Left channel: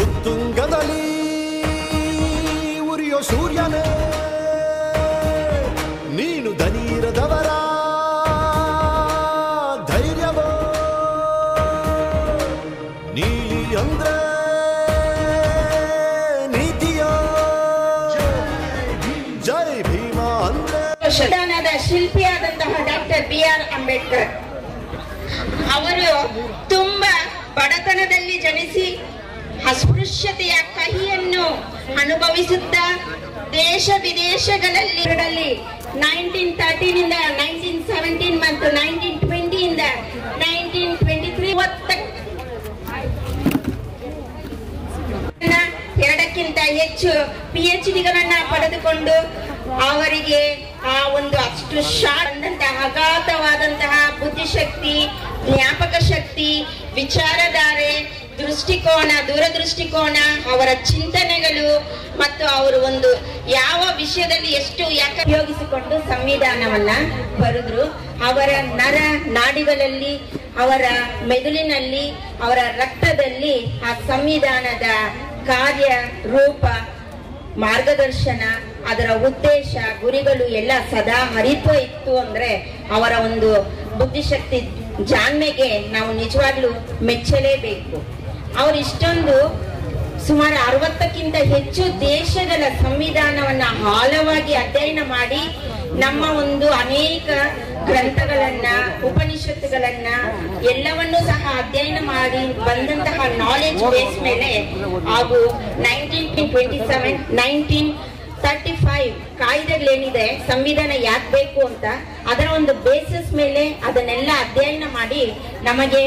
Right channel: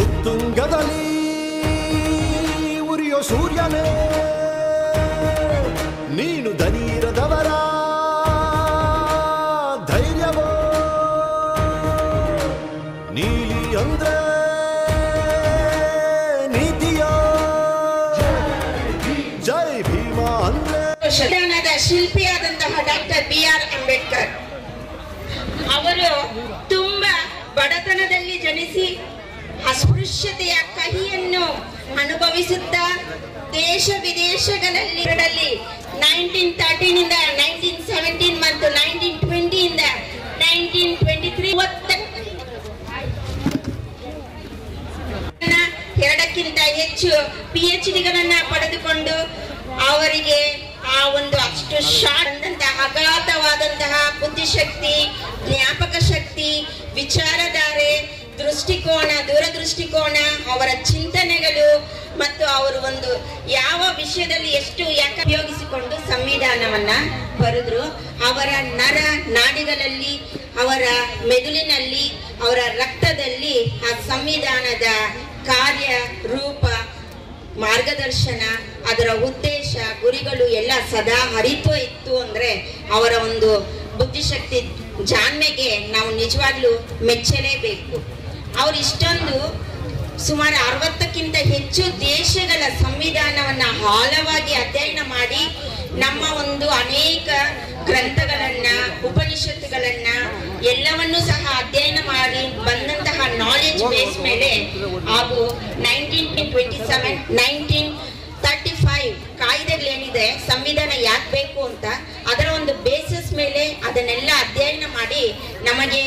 ಉತ್ತುಂಗದಲ್ಲಿ ಉರಿಯೋ ಸೂರ್ಯನೇ ನೀನು ದನೀರದವರ ಧೈರ್ಯವೋ ನೀಲಿ ಅಂದ್ರೆ ನೀತಿಯೋ ಜೈ ಭೀಮ ಅಂದ್ರೆ ಸಂವಿಧಾನದ ಶಿಲ್ಪಿಯಾದಂತಹ ಡಾಕ್ಟರ್ BR ಅಂಬೇಡ್ಕರ್ ಅವರು ತುಂಬಾ ಬಡತನದಲ್ಲಿ ಜನಿಸಿ ಅಸ್ಪೃಶ್ಯತೆಯ ಕಹಿಯನ್ನು ಅನುಭವಿಸುತ್ತಾ ದೇಶ ವಿದೇಶಗಳಲ್ಲಿ 1913 ಇಂದ 1917 ಮತ್ತು 1920 ಇಂದ 1923 ಎರಡಕ್ಕಿಂತ ಹೆಚ್ಚು PhDಗಳನ್ನ ಪಡೆದುಕೊಂಡು ಅವರಿಗೆ ಆ ಒಂದು ಅಷ್ಟು ಶಾರ್ಟ್ ಅಗಾಧವಾದಂತಹ ಬುದ್ಧಿಶಕ್ತಿ, ಜ್ಞಾಪಕ ಶಕ್ತಿ, ವಿಚಾರಧಾರೆ, ದೃಷ್ಟಿಕೋನ, ದೂರದೃಷ್ಟಿಕೋನ, ಅವರ ಚಿಂತನೆಗಳು ಮತ್ತು ಅವರು ಒಂದು ಯಾವ ವಿಷಯದಲ್ಲಿ ಎಷ್ಟು ಯಾಕೆ ಉಪಯೋಗಿಸಿಕೊಂಡು ಸಂವಿಧಾನವನ್ನ ಬರೆದ್ರು. ಅವರ ನರ ನಾಡಿಗಳಲ್ಲಿ, ಅವರ ಮೆದುಳಿನಲ್ಲಿ, ಅವರ ರಕ್ತದಲ್ಲಿ ಆ ಸಂವಿಧಾನದ ಕಾರ್ಯ ರೂಪ, ಮಾರ್ಗದರ್ಶನ, ಅದರ ಉದ್ದೇಶ, ಗುರಿಗಳು ಎಲ್ಲ ಸದಾ ಹರಿತ್ವ ಇತ್ತು ಅಂದ್ರೆ ಅವರ ಒಂದು ಬುದ್ಧಿಶಕ್ತಿ ಜಾಣ್ಮೆಗೆ ನಾವು ನಿಜವಾಗ್ಲೂ ಮೆಚ್ಚಲೇಬೇಕು. ಅವರು ಇಷ್ಟೊಂದು ಸುಮಾರು 60ಕ್ಕಿಂತ ಹೆಚ್ಚು ದೇಶಗಳ ಸಂವಿಧಾನವನ್ನ ಆಳವಾಗಿ ಅಧ್ಯಯನ ಮಾಡಿ ನಮ್ಮ ಒಂದು ಅನೇಕ ಗ್ರಂಥಗಳನ್ನ, ಉಪನಿಷತ್ತುಗಳನ್ನ ಎಲ್ಲವನ್ನೂ ಸಹ ಅಧ್ಯಯನ ಮಾಡಿ ಬಂದಂತಹ ನಾಲೆಜ್ ಬೇಸ್ ಮೇಲೆ ಹಾಗೂ 1927, 1935 ಕಾಯ್ದೆಗಳೇನಿದೆ, ಸಂವಿಧಾನ ಯಾಕೆ ಬೇಕು ಅಂತ ಅದರ ಒಂದು ಬೇಸಿಸ್ ಮೇಲೆ ಅದನ್ನೆಲ್ಲ ಅಧ್ಯಯನ ಮಾಡಿ ನಮಗೆ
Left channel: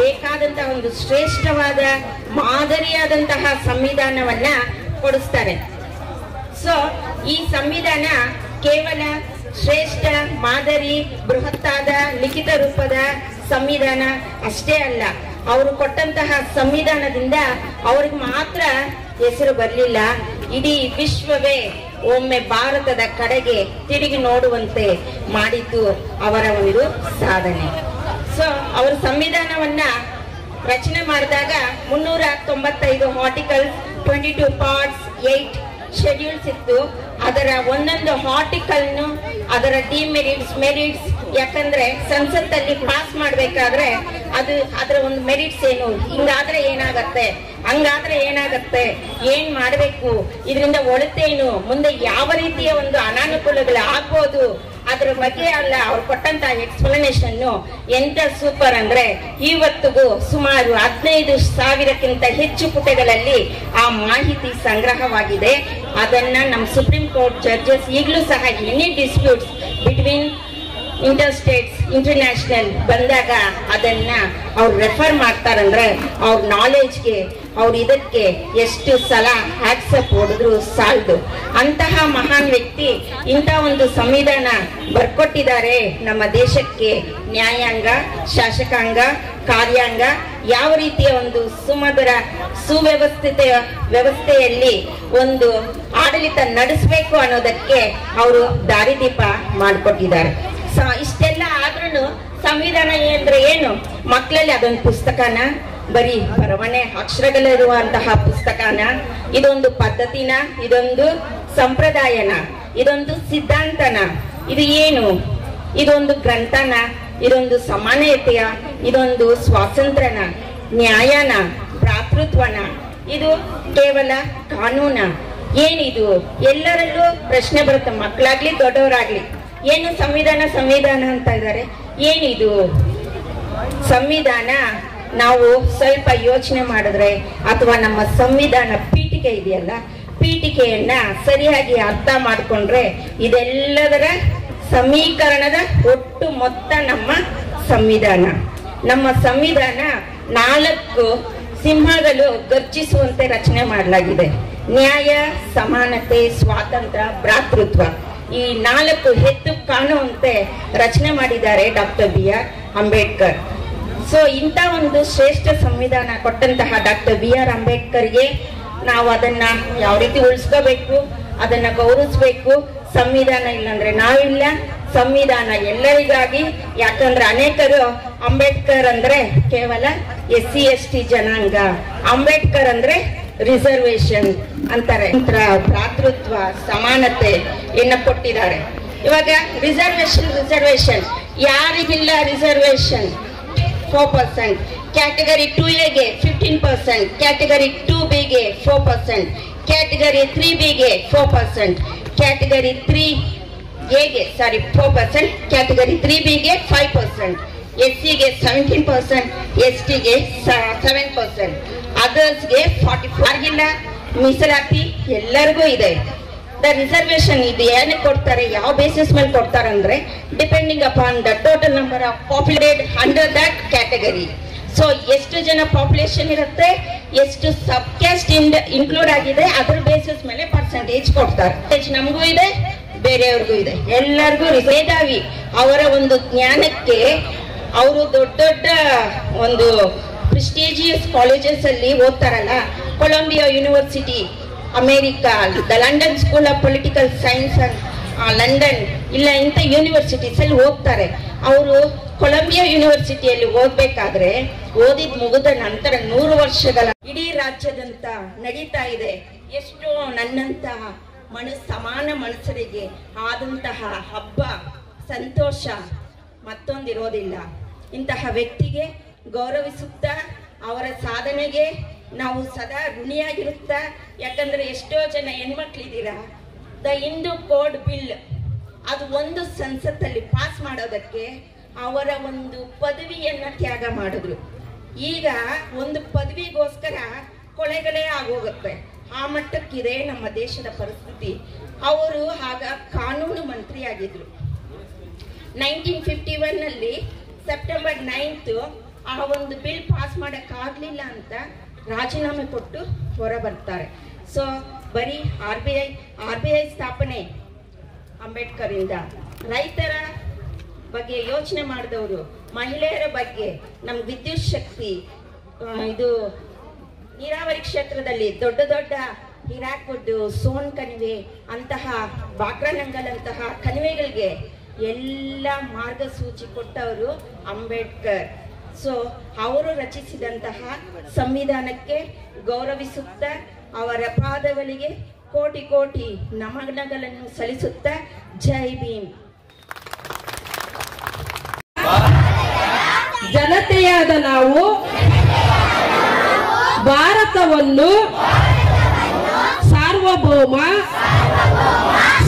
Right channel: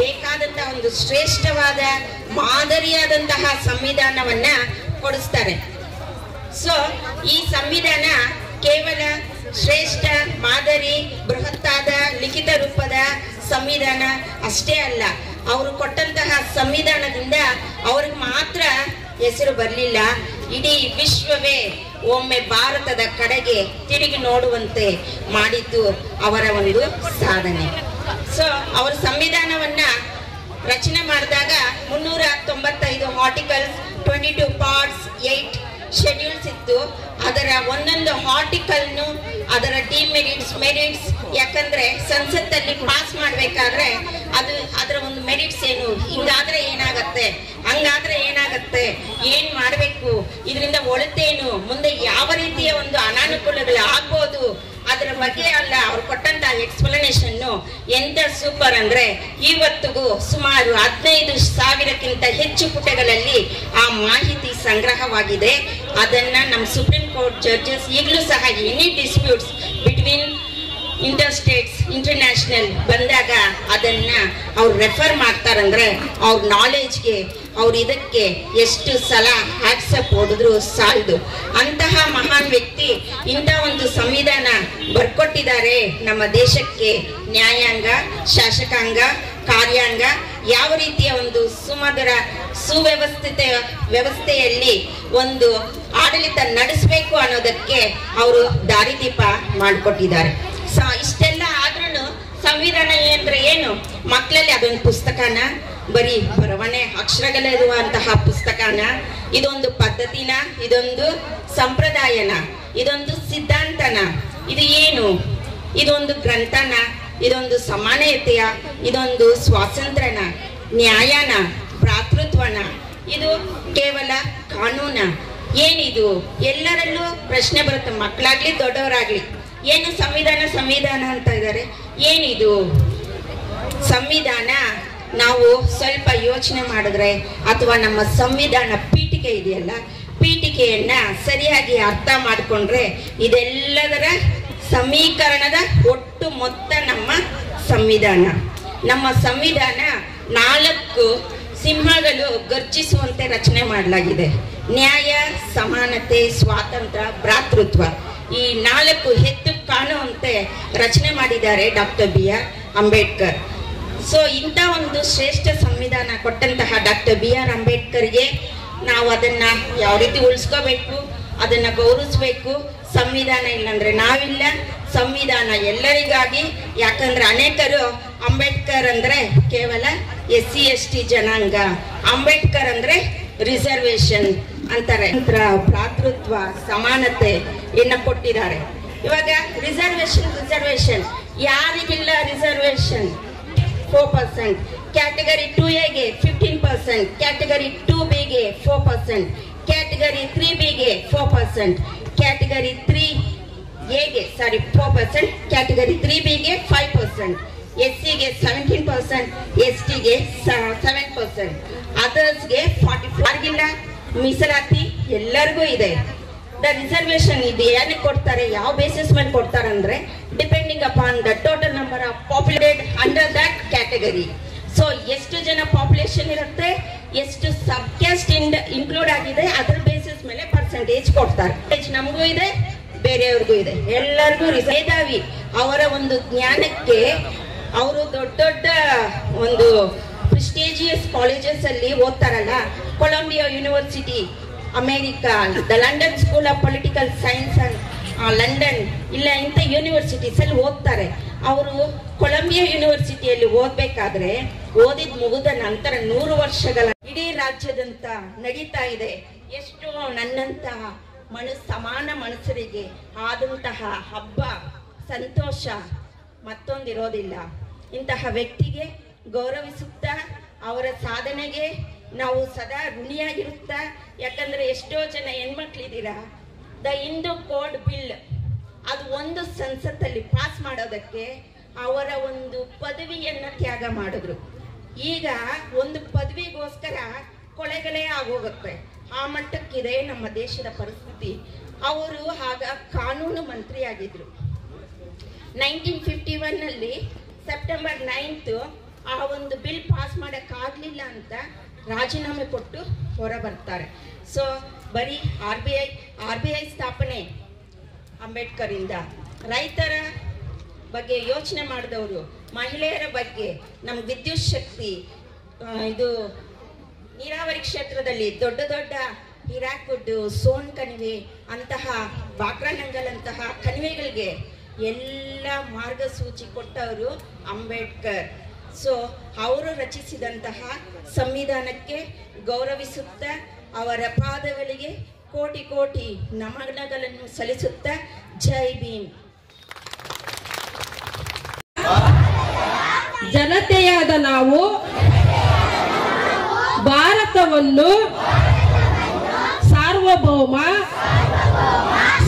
ಬೇಕಾದಂತಹ ಒಂದು ಶ್ರೇಷ್ಠವಾದ ಮಾದರಿಯಾದಂತಹ ಸಂವಿಧಾನವನ್ನ ಕೊಡಿಸ್ತಾರೆ. ಸೊ ಈ ಸಂವಿಧಾನ ಕೇವಲ ಶ್ರೇಷ್ಠ ಮಾದರಿ, ಬೃಹತ್ತಾದ ಲಿಖಿತ ರೂಪದ ಸಂವಿಧಾನ ಅಷ್ಟೇ ಅಲ್ಲ, ಅವರು ಕೊಟ್ಟಂತಹ ಸಂವಿಧಾನದಿಂದ ಅವ್ರಿಗೆ ಮಾತ್ರ ಹೆಸರು ಬರಲಿಲ್ಲ, ಇಡೀ ವಿಶ್ವವೇ ಒಮ್ಮೆ ಭಾರತದ ಕಡೆಗೆ ತಿರುಗಿ ನೋಡುವಂತೆ ಮಾಡಿದ್ದು ಅವರ ಒಂದು ಸಾಧನೆ. ಸೊ ಅವರ ಸಂವಿಧಾನವನ್ನ ರಚನೆ ಮಾಡಿದಾಗ 395 ಆರ್ಟಿಕಲ್ಸ್, 22 ಪಾರ್ಟ್ಸ್, 8 ಶೆಡ್ಯೂಲ್ಸ್ ಇತ್ತು. ಅದರ ಒಂದೊಂದು ಆರ್ಟಿಕಲ್ನು ಅದರ ಡಿಮೆರಿಟ್ಸ್, ಮೆರಿಟ್ಸ್, ಯಾಕಂದ್ರೆ ಸಂಸತ್ತಲ್ಲಿ ಪಾಸ್ ಮಾಡ್ಬೇಕಾದ್ರೆ ಅದರ ಒಂದು ಮೆರಿಟ್ಸ್ ಏನು, ಹಿಂಗಾದ್ರೆ ಏನಾಗತ್ತೆ, ಹಂಗಾದ್ರೆ ಏನಾಗತ್ತೆ, ಏನ್ ಮಾಡ್ಬೇಕು, ಇದರಿಂದ ಒಳಿತೇನು, ಮುಂದೆ ಯಾವ ರೀತಿಯ ಒಂದು ಅನಾನುಕೂಲಗಳು ಆಗ್ಬೋದು, ಅದ್ರ ಬಗ್ಗೆ ಅಲ್ಲ ಅವ್ರು ಕೊಟ್ಟಂತ ಎಕ್ಸ್ಪ್ಲನೇಷನ್ ಎಂತ ಸೂಪರ್ ಅಂದ್ರೆ ಇವತ್ತಿಗೂ ಸುಮಾರು 15,000ಕ್ಕಿಂತ ಹೆಚ್ಚು ಪುಟಗಳಲ್ಲಿ ಆ ಮಾಹಿತಿ ಸಂಗ್ರಹವಾಗಿದೆ. ಅದನ್ನ ನಮ್ಮ ಸುಪ್ರೀಂ ಕೋರ್ಟ್ ಜಡ್ಜಸ್ ಈಗಲೂ ಸಹ ಎನಿ ಡಿಸ್ಪ್ಯೂಟ್ಸ್ ಬಿಟ್ವೀನ್ ಇಂಟರ್ಸ್ಟೇಟ್ಸ್, ಇಂಟರ್ನ್ಯಾಷನಲ್ ಬಂದಾಗ ಅದನ್ನ ಅವ್ರು ರೆಫರ್ ಮಾಡ್ತಾರಂದ್ರೆ ಅವ್ರ ನಾಲೆಜ್ಗೆ, ಅವ್ರ ಇದಕ್ಕೆ ಎಷ್ಟು ಸಲ ಹ್ಯಾಟ್ಸಪ್ ಹೊಡೆದ್ರು ಸಾಲದು. ಅಂತಹ ಮಹಾನ್ ವ್ಯಕ್ತಿ ಇಂಥ ಒಂದು ಸಂವಿಧಾನ ಬರ್ಕೊಟ್ಟಿದ್ದಾರೆ ನಮ್ಮ ದೇಶಕ್ಕೆ. ನ್ಯಾಯಾಂಗ, ಶಾಸಕಾಂಗ, ಕಾರ್ಯಾಂಗ ಯಾವ ರೀತಿಯ ಒಂದು ಸುಮಧುರ ಸುವ್ಯವಸ್ಥಿತ ವ್ಯವಸ್ಥೆಯಲ್ಲಿ ಒಂದು ಆಡಳಿತ ನಡೆಸಬೇಕು ಅನ್ನೋದಕ್ಕೆ ಅವರು ದಾರಿದೀಪ ಮಾಡಿಕೊಟ್ಟಿದ್ದಾರೆ. ಇಷ್ಟೆಲ್ಲ ಆದ್ರೂ ಸಂವಿಧಾನ ಅಂದ್ರೆ ಏನು, ಮಕ್ಕಳಲ್ಲಿ ಅದೊಂದು ಪುಸ್ತಕನ, ಬರೀ ಬರವಣೆ ಅಕ್ಷರಗಳಿರುವಂತಹ ಪುಸ್ತಕನ, ಇದೊಂದು ಪದ್ಧತಿನ, ಇದೊಂದು ಸಂಪ್ರದಾಯನ, ಇದೊಂದು ಸಿದ್ಧಾಂತನ, ಇದು ಏನು, ಇದೊಂದು ಗ್ರಂಥನ, ಇದೊಂದು ಸಮಾನತೆಯ, ಇದೊಂದು ಸ್ವಾತಂತ್ರ್ಯನ, ನ್ಯಾಯನ, ಭ್ರಾತೃತ್ವನ, ಇದು ಕೇವಲ ಕಾನೂನ, ಏನಿದು? ಎಲ್ಲರಲ್ಲೂ ಪ್ರಶ್ನೆ ಬರುತ್ತೆ, ಮಕ್ಕಳಾಗ್ಲಿ ದೊಡ್ಡವರಾಗ್ಲಿ, ಏನು ಸಂವಿಧಾನ ಸಂವಿಧಾನ ಅಂತ ಇದ್ದಾರೆ, ಏನಿದು ಸಂವಿಧಾನ? ನಾವು ಸ್ವಲ್ಪ ಯೋಚನೆ ಮಾಡಿದ್ರೆ, ಅಥವಾ ನಮ್ಮ ಸಂವಿಧಾನ ಪೀಠಿಕೆ ಇದೆಯಲ್ಲ, ಪೀಠಿಕೆಯನ್ನ ಸರಿಯಾಗಿ ಅರ್ಥ ಮಾಡಿಕೊಂಡ್ರೆ ಇದೆಲ್ಲದರ ಸಮೀಕರಣದ ಒಟ್ಟು ಮೊತ್ತ ನಮ್ಮ ಸಂವಿಧಾನ. ನಮ್ಮ ಸಂವಿಧಾನ 4 ಸಿಂಹಗಳು ಗರ್ಜಿಸುವಂತೆ ರಚನೆ ಮಾಡಲಾಗಿದೆ. ನ್ಯಾಯ, ಸಮಾನತೆ, ಸ್ವಾತಂತ್ರ್ಯ, ಭ್ರಾತೃತ್ವ. ಈ 4 ಎದ್ದು ಕಾಣುವಂತೆ ರಚನೆ ಮಾಡಿದ್ದಾರೆ ಡಾಕ್ಟರ್ BR ಅಂಬೇಡ್ಕರ್. ಸೊ ಇಂಥ ಒಂದು ಶ್ರೇಷ್ಠ ಸಂವಿಧಾನ ಕೊಟ್ಟಂತಹ ಡಾಕ್ಟರ್ BR ಅಂಬೇಡ್ಕರ್ಗೆ ನಾವು ಅದನ್ನ ಯಾವ ರೀತಿ ಉಳಿಸ್ಕೋಬೇಕು, ಅದನ್ನ ಗೌರವಿಸ್ಬೇಕು. ಸಂವಿಧಾನ ಇಲ್ಲಾಂದ್ರೆ ನಾವಿಲ್ಲ, ಸಂವಿಧಾನ ಎಲ್ಲರಿಗಾಗಿ. ಯಾಕಂದ್ರೆ ಅನೇಕರು ಅಂಬೇಡ್ಕರ್ ಅಂದ್ರೆ ಕೇವಲ SC ST ಜನಾಂಗ, ಅಂಬೇಡ್ಕರ್ ಅಂದ್ರೆ ರಿಸರ್ವೇಶನ್ ಅಂತಾರೆ. ಭ್ರಾತೃತ್ವ, ಸಮಾನತೆ ಕೊಟ್ಟಿದ್ದಾರೆ. ಇವಾಗ ರಿಸರ್ವೇಶನ್ ಯಾರಿಗಿಲ್ಲ reservation? 4%, category 2A 15%, category 2B 4%, category 3B 4%, category 3A 4%, category 3B 5%, SC 17%, ST 7%, ಅದರ್ಸ್ಗೆ 44. ಮೀಸಲಾತಿ ಎಲ್ಲರಿಗೂ ಇದೆ. ದ ರಿಸರ್ವೇಶನ್ ಇದು ಏನಕ್ಕೆ ಕೊಡ್ತಾರೆ, ಯಾವ ಬೇಸಿಸ್ ಮೇಲೆ ಕೊಡ್ತಾರೆ ಅಂದ್ರೆ depending upon the total number of populated under that category. So ಎಷ್ಟು ಜನ ಪಾಪ್ಯುಲೇಷನ್ ಇರುತ್ತೆ, ಎಷ್ಟು ಸಬ್ ಕ್ಯಾಸ್ಟ್ ಇನ್ಕ್ಲೂಡ್ ಆಗಿದೆ, ಅದ್ರ ಬೇಸಿಸ್ ಮೇಲೆ ಪರ್ಸೆಂಟೇಜ್ ಕೊಡ್ತಾರೆ. ನಮಗೂ ಇದೆ, ಬೇರೆಯವ್ರಿಗೂ ಇದೆ, ಎಲ್ಲರಿಗೂ. ಮೇಧಾವಿ ಅವರ ಒಂದು ಜ್ಞಾನಕ್ಕೆ ಅವರು ದೊಡ್ಡ ದೊಡ್ಡ ಒಂದು ಪ್ರೆಸ್ಟೀಜಿಯಸ್ ಕಾಲೇಜಸ್ ಅಲ್ಲಿ ಓದ್ತಾರಲ್ಲ, Columbia university America, the London school of political science London, ಇಲ್ಲ ಇಂಥ ಯೂನಿವರ್ಸಿಟೀಸ್ ಅಲ್ಲಿ ಓದ್ತಾರೆ. ಅವರು ಕೊಲಂಬಿಯಾ ಯೂನಿವರ್ಸಿಟಿಯಲ್ಲಿ ಓದ್ಬೇಕಾದ್ರೆ ಓದಿದ್ ಮುಗಿದ ನಂತರ 100 ವರ್ಷಗಳ ಇಡೀ ರಾಜ್ಯದಂತ ನಡೀತಾ ಇದೆ. ಎಷ್ಟೋ ನನ್ನಂತಹ ಸಮಾನ ಮನುಷ್ಯರಿಗೆ ಆದಂತಹ ಹಬ್ಬ, ಸಂತೋಷ ಮತ್ತೊಂದಿರೋದಿಲ್ಲ. ಇಂತಹ ವ್ಯಕ್ತಿಗೆ ಗೌರವಿಸುತ್ತಾ ಅವರ ಸಾಧನೆಗೆ ನಾವು ಸದಾ ಋಣಿಯಾಗಿರುತ್ತಾ. ಯಾಕಂದ್ರೆ ಎಷ್ಟೋ ಜನ ಹೆಣ್ಮಕ್ಳಿದ್ದೀರಾ, ದ ಹಿಂದೂ ಕೋಡ್ ಬಿಲ್ ಅದು ಒಂದು ಸಂಸತ್ತಲ್ಲಿ ಪಾಸ್ ಮಾಡೋದಕ್ಕೆ ಅವರ ಒಂದು ಪದವಿಯನ್ನ ತ್ಯಾಗ ಮಾಡಿದ್ರು. ಈಗ ಒಂದು ಪದವಿಗೋಸ್ಕರ ಕೊಲೆಗಳೇ ಆಗೋಗುತ್ತೆ. ಆ ಮಟ್ಟಕ್ಕಿದೆ ನಮ್ಮ ದೇಶದ ಪರಿಸ್ಥಿತಿ. ಅವರು ಆಗ ಕಾನೂನು ಮಂತ್ರಿ ಆಗಿದ್ರು. 1951 ನಲ್ಲಿ ಸೆಪ್ಟೆಂಬರ್ 9th ಆ ಒಂದು ಬಿಲ್ ಪಾಸ್ ಮಾಡಕ್ ಆಗ್ಲಿಲ್ಲ ಅಂತ ರಾಜೀನಾಮೆ ಕೊಟ್ಟು ಹೊರ ಬರ್ತಾರೆ. ಸೊ ಬರೀ RBI ಸ್ಥಾಪನೆ ಅಂಬೇಡ್ಕರ್ ಇಂದ. ರೈತರ ಬಗ್ಗೆ ಯೋಚನೆ ಮಾಡಿದವರು, ಮಹಿಳೆಯರ ಬಗ್ಗೆ, ನಮ್ ವಿದ್ಯುತ್ ಶಕ್ತಿ, ಇದು ನೀರಾವರಿ ಕ್ಷೇತ್ರದಲ್ಲಿ ದೊಡ್ಡ ದೊಡ್ಡ ಹಿರಾಕುಡ್, ಸೋನ್ ಕಣಿವೆ ಅಂತಹ ಬಾಕ್ರಾನಂಗಲ್ ಅಂತಹ ಕಣಿವೆಗಳಿಗೆ ಎಲ್ಲ ಮಾರ್ಗಸೂಚಿ ಕೊಟ್ಟವರು ಅಂಬೇಡ್ಕರ್. ಸೊ ಅವರು ರಚಿಸಿದಂತಹ ಸಂವಿಧಾನಕ್ಕೆ ಗೌರವಿಸುತ್ತಾ ಅವರ ಪಾದಗಳಿಗೆ ಕೋಟಿ ಕೋಟಿ ನಮನಗಳನ್ನು ಸಲ್ಲಿಸುತ್ತಾ ಜೈ ಭೀಮ್. ಜನತೆಯಾದ ನಾವು ಭಾರತವನ್ನು ಸಾರ್ವಭೌಮ,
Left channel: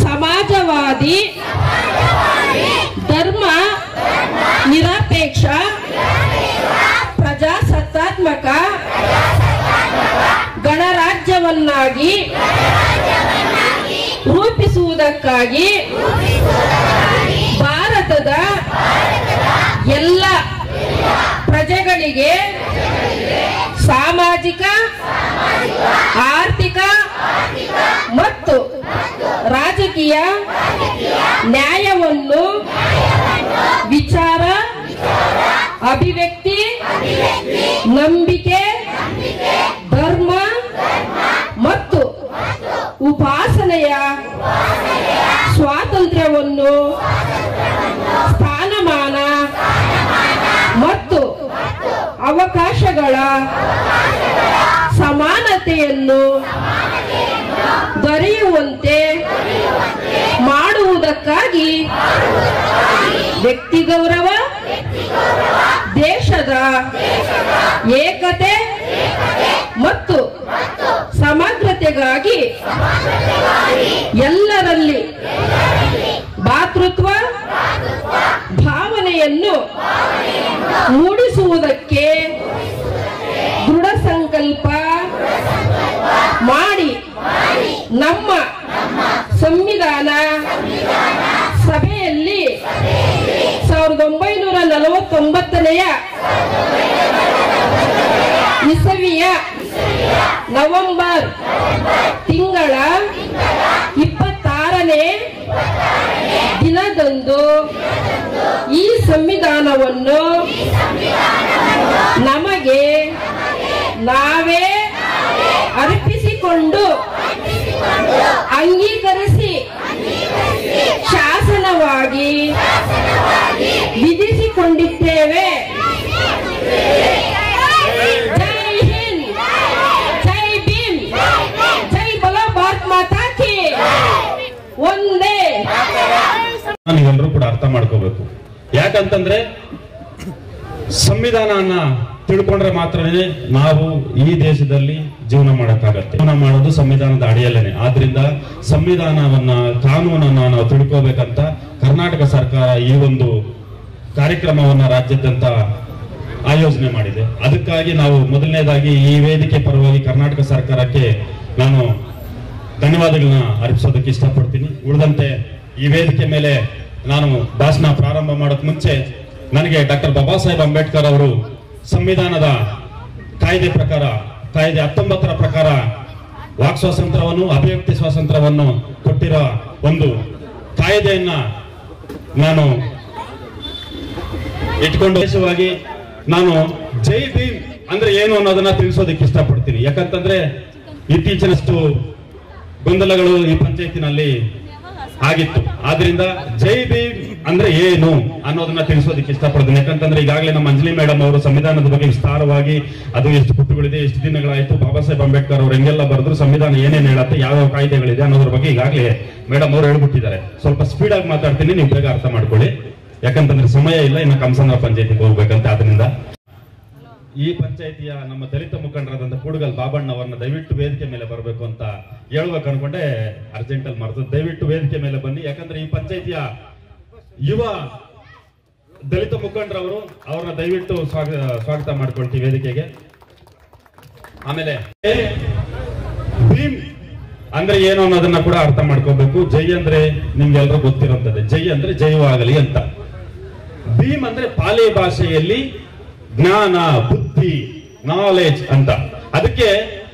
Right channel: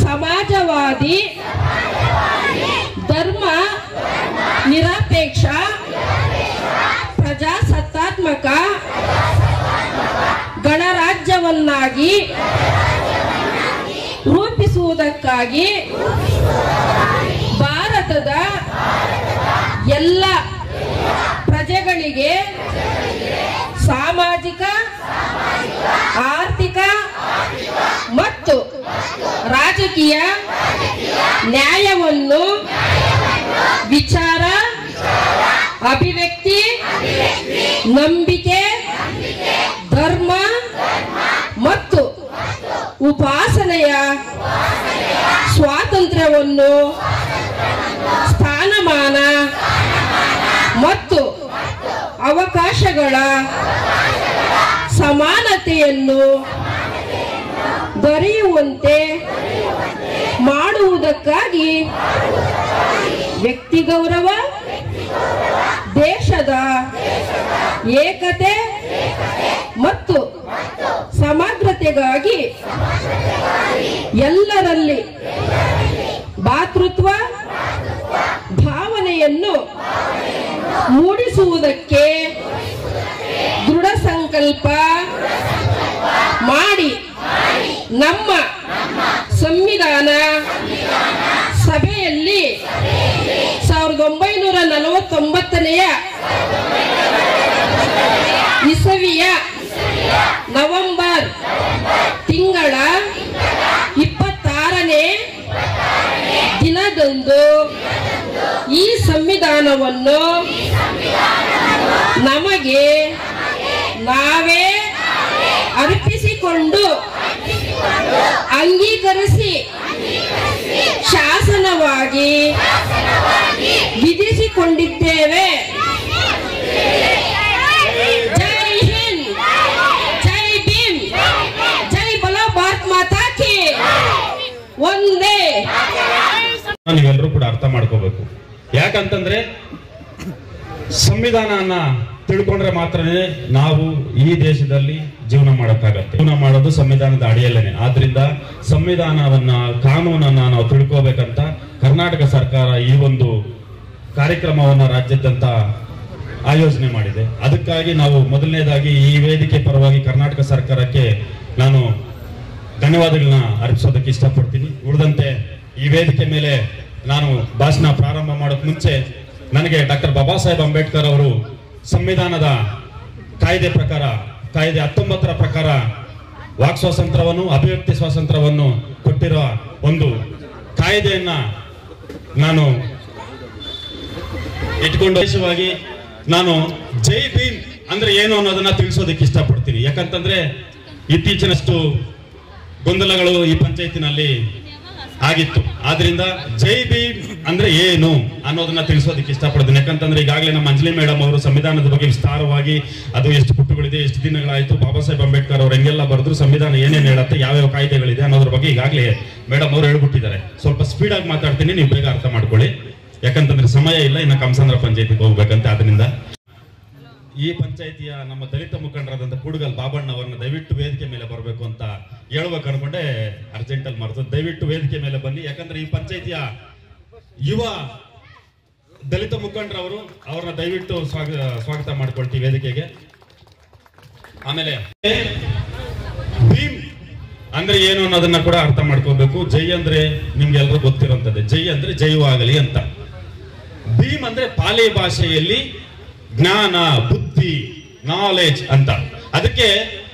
ಸಮಾಜವಾದಿ, ಧರ್ಮ ನಿರಪೇಕ್ಷ, ಪ್ರಜಾಸತ್ತಾತ್ಮಕ ಗಣರಾಜ್ಯವನ್ನಾಗಿ ರೂಪಿಸುವುದಕ್ಕಾಗಿ ಭಾರತದ ಎಲ್ಲ ಪ್ರಜೆಗಳಿಗೆ ಸಾಮಾಜಿಕ, ಆರ್ಥಿಕ ಮತ್ತು ರಾಜಕೀಯ ನ್ಯಾಯವನ್ನು ವಿಚಾರ, ಅಭಿವ್ಯಕ್ತಿ, ನಂಬಿಕೆ, ಧರ್ಮ ಮತ್ತು ಉಪಾಸನೆಯ ಸ್ವಾತಂತ್ರ್ಯವನ್ನು, ಸ್ಥಾನಮಾನ ಮತ್ತು ಅವಕಾಶಗಳ ಸಮಾನತೆಯನ್ನು ದೊರೆಯುವಂತೆ ಮಾಡುವುದಕ್ಕಾಗಿ ವ್ಯಕ್ತಿ ಗೌರವ, ದೇಶದ ಏಕತೆ ಮತ್ತು ಸಮಗ್ರತೆಗಾಗಿ ಎಲ್ಲರಲ್ಲಿ ಭಾತೃತ್ವ ಭಾವನೆಯನ್ನು ಮೂಡಿಸುವುದಕ್ಕೆ ದೃಢ ಸಂಕಲ್ಪ ಮಾಡಿ ನಮ್ಮ ಸಂವಿಧಾನ ಸಭೆಯಲ್ಲಿ 1949ನೇ ಇಸವಿಯ ನವೆಂಬರ್ ತಿಂಗಳ 26ನೇ ದಿನದಂದು ಈ ಸಂವಿಧಾನವನ್ನು ನಮಗೆ ನಾವೇ ಅರ್ಪಿಸಿಕೊಂಡು ಅಂಗೀಕರಿಸಿ ಶಾಸನವಾಗಿ ವಿಧಿಸಿಕೊಂಡಿದ್ದೇವೆ. ಜೈ ಹಿಂದ್, ಜೈ ಭೀಮ್, ಜೈ ಬಲೋ ಭಾರತ್ ಮಾತಾ ಕಿ ಒಂದೇ. ನೀವೆಲ್ಲರೂ ಕೂಡ ಅರ್ಥ ಮಾಡ್ಕೋಬೇಕು. ಯಾಕಂತಂದ್ರೆ ಸಂವಿಧಾನನ ತಿಳ್ಕೊಂಡ್ರೆ ಮಾತ್ರನೇ ನಾವು ಈ ದೇಶದಲ್ಲಿ ಜೀವನ ಮಾಡಕ್ಕಾಗತ್ತೆ. ಜೀವನ ಮಾಡೋದು ಸಂವಿಧಾನದ ಅಡಿಯಲ್ಲೇನೆ. ಆದ್ರಿಂದ ಸಂವಿಧಾನವನ್ನ, ಕಾನೂನನ್ನ ನಾವು ತಿಳ್ಕೋಬೇಕಂತ ಕರ್ನಾಟಕ ಸರ್ಕಾರ ಈ ಒಂದು ಕಾರ್ಯಕ್ರಮವನ್ನ ರಾಜ್ಯಾದ್ಯಂತ ಆಯೋಜನೆ ಮಾಡಿದೆ. ಅದಕ್ಕಾಗಿ ನಾವು ಮೊದಲನೇದಾಗಿ ಈ ವೇದಿಕೆ ಪರವಾಗಿ ಕರ್ನಾಟಕ ಸರ್ಕಾರಕ್ಕೆ ನಾನು ಧನ್ಯವಾದಗಳನ್ನ ಅರ್ಪಿಸೋದಕ್ಕೆ ಇಷ್ಟಪಡ್ತೀನಿ. ಉಳಿದಂತೆ ಈ ವೇದಿಕೆ ಮೇಲೆ ನಾನು ಭಾಷಣ ಪ್ರಾರಂಭ ಮಾಡೋಕ್ ಮುಂಚೆ ನನಗೆ ಡಾಕ್ಟರ್ ಬಾಬಾ ಸಾಹೇಬ್ ಅಂಬೇಡ್ಕರ್ ಅವರು ಸಂವಿಧಾನದ ಕಾಯ್ದೆ 19ರ ಪ್ರಕಾರ ವಾಕ್ ಸ್ವಾತಂತ್ರ್ಯವನ್ನು, ಅಭಿವ್ಯಕ್ತಿ ಸ್ವಾತಂತ್ರ್ಯವನ್ನು ಕೊಟ್ಟಿರೋ ಒಂದು ಕಾಯ್ದೆಯನ್ನ ನಾನು ಇಟ್ಕೊಂಡು ವಿಶೇಷವಾಗಿ ನಾನು ಜೈ ಭೀಮ್ ಅಂದ್ರೆ ಏನು ಅನ್ನೋದನ್ನ ತಿಳಿಸೋದಕ್ಕೆ ಇಷ್ಟಪಡ್ತೀನಿ. ಯಾಕಂತಂದ್ರೆ ಇತ್ತೀಚಿನಷ್ಟು ಗೊಂದಲಗಳು ಈ ಪಂಚಾಯತಿನಲ್ಲಿ ಆಗಿತ್ತು. ಆದ್ರಿಂದ ಜೈ ಭೀಮ್ ಅಂದ್ರೆ ಏನು ಅನ್ನೋದನ್ನ ತಿಳಿಸೋದಕ್ಕೆ ಇಷ್ಟಪಡ್ತೀನಿ. ಯಾಕಂತಂದ್ರೆ ಈಗಾಗಲೇ ನಮ್ಮ ಅಂಜಲಿ ಮೇಡಮ್ ಅವರು ಸಂವಿಧಾನದ ಬಗ್ಗೆ ವಿಸ್ತಾರವಾಗಿ ಅದು ಎಷ್ಟು ಪುಟಗಳಿದೆ, ಎಷ್ಟು ದಿನಗಳಾಯ್ತು, ಬಾಬಾ ಸಾಹೇಬ್ ಅಂಬೇಡ್ಕರ್ ಅವರು ಹೆಂಗೆಲ್ಲ ಬರೆದ್ರು, ಸಂವಿಧಾನ ಏನೇನು ಹೇಳುತ್ತೆ, ಯಾವ್ಯಾವ ಕಾಯ್ದೆಗಳಿದೆ ಅನ್ನೋದ್ರ ಬಗ್ಗೆ ಈಗಾಗಲೇ ಮೇಡಮ್ ಅವರು ಹೇಳ್ಬಿಟ್ಟಿದ್ದಾರೆ. ಸ್ವಲ್ಪ ಸ್ಪೀಡ್ ಆಗಿ ಮಾತಾಡ್ತೀನಿ, ನೀವು ಬೇಗ ಅರ್ಥ ಮಾಡ್ಕೊಳ್ಳಿ. ಯಾಕಂತಂದ್ರೆ ಸಮಯ ಇಲ್ಲ, ಇನ್ನು ಕಮಸಂದ್ರ ಪಂಚಾಯತಿಗೆ ಹೋಗ್ಬೇಕಂತ. ಆದ್ರಿಂದ ಈ ಪಂಚಾಯತಿಯ ನಮ್ಮ ದಲಿತ ಮುಖಂಡರಾದಂತ ಕೂಡಗಲ್ ಬಾಬಣ್ಣ ಅವರನ್ನ ದಯವಿಟ್ಟು ವೇದಿಕೆ ಮೇಲೆ ಬರಬೇಕು ಅಂತ ಹೇಳ್ಬೇಕು ಅನ್ಕೊಂಡೆ, ಅರ್ಜೆಂಟಲ್ಲಿ ಮರೆತು. ದಯವಿಟ್ಟು ವೇದಿಕೆ ಮೇಲೆ ಬನ್ನಿ. ಯಾಕಂದ್ರೆ ಈ ಪಂಚಾಯತಿಯ ಯುವ ದಲಿತ ಮುಖಂಡರವರು, ಅವ್ರನ್ನ ದಯವಿಟ್ಟು ಸ್ವಾಗತ ಮಾಡ್ಕೊಳ್ತೀವಿ ವೇದಿಕೆಗೆ. ಆಮೇಲೆ ಭೀಮ್ ಅಂದ್ರೆ ಏನು ಅನ್ನೋದನ್ನ ಕೂಡ ಅರ್ಥ ಮಾಡ್ಕೋಬೇಕು. ಜೈ ಅಂದ್ರೆ ನಿಮ್ಗೆಲ್ಲರೂ ಗೊತ್ತಿರುವಂತದ್ದು. ಜೈ ಅಂದ್ರೆ ಜೈವಾಗಲಿ ಅಂತ. ಭೀಮ್ ಅಂದ್ರೆ ಪಾಲಿ ಭಾಷೆಯಲ್ಲಿ ಜ್ಞಾನ, ಬುದ್ಧಿ, ನಾಲೆಜ್ ಅಂತ. ಅದಕ್ಕೆ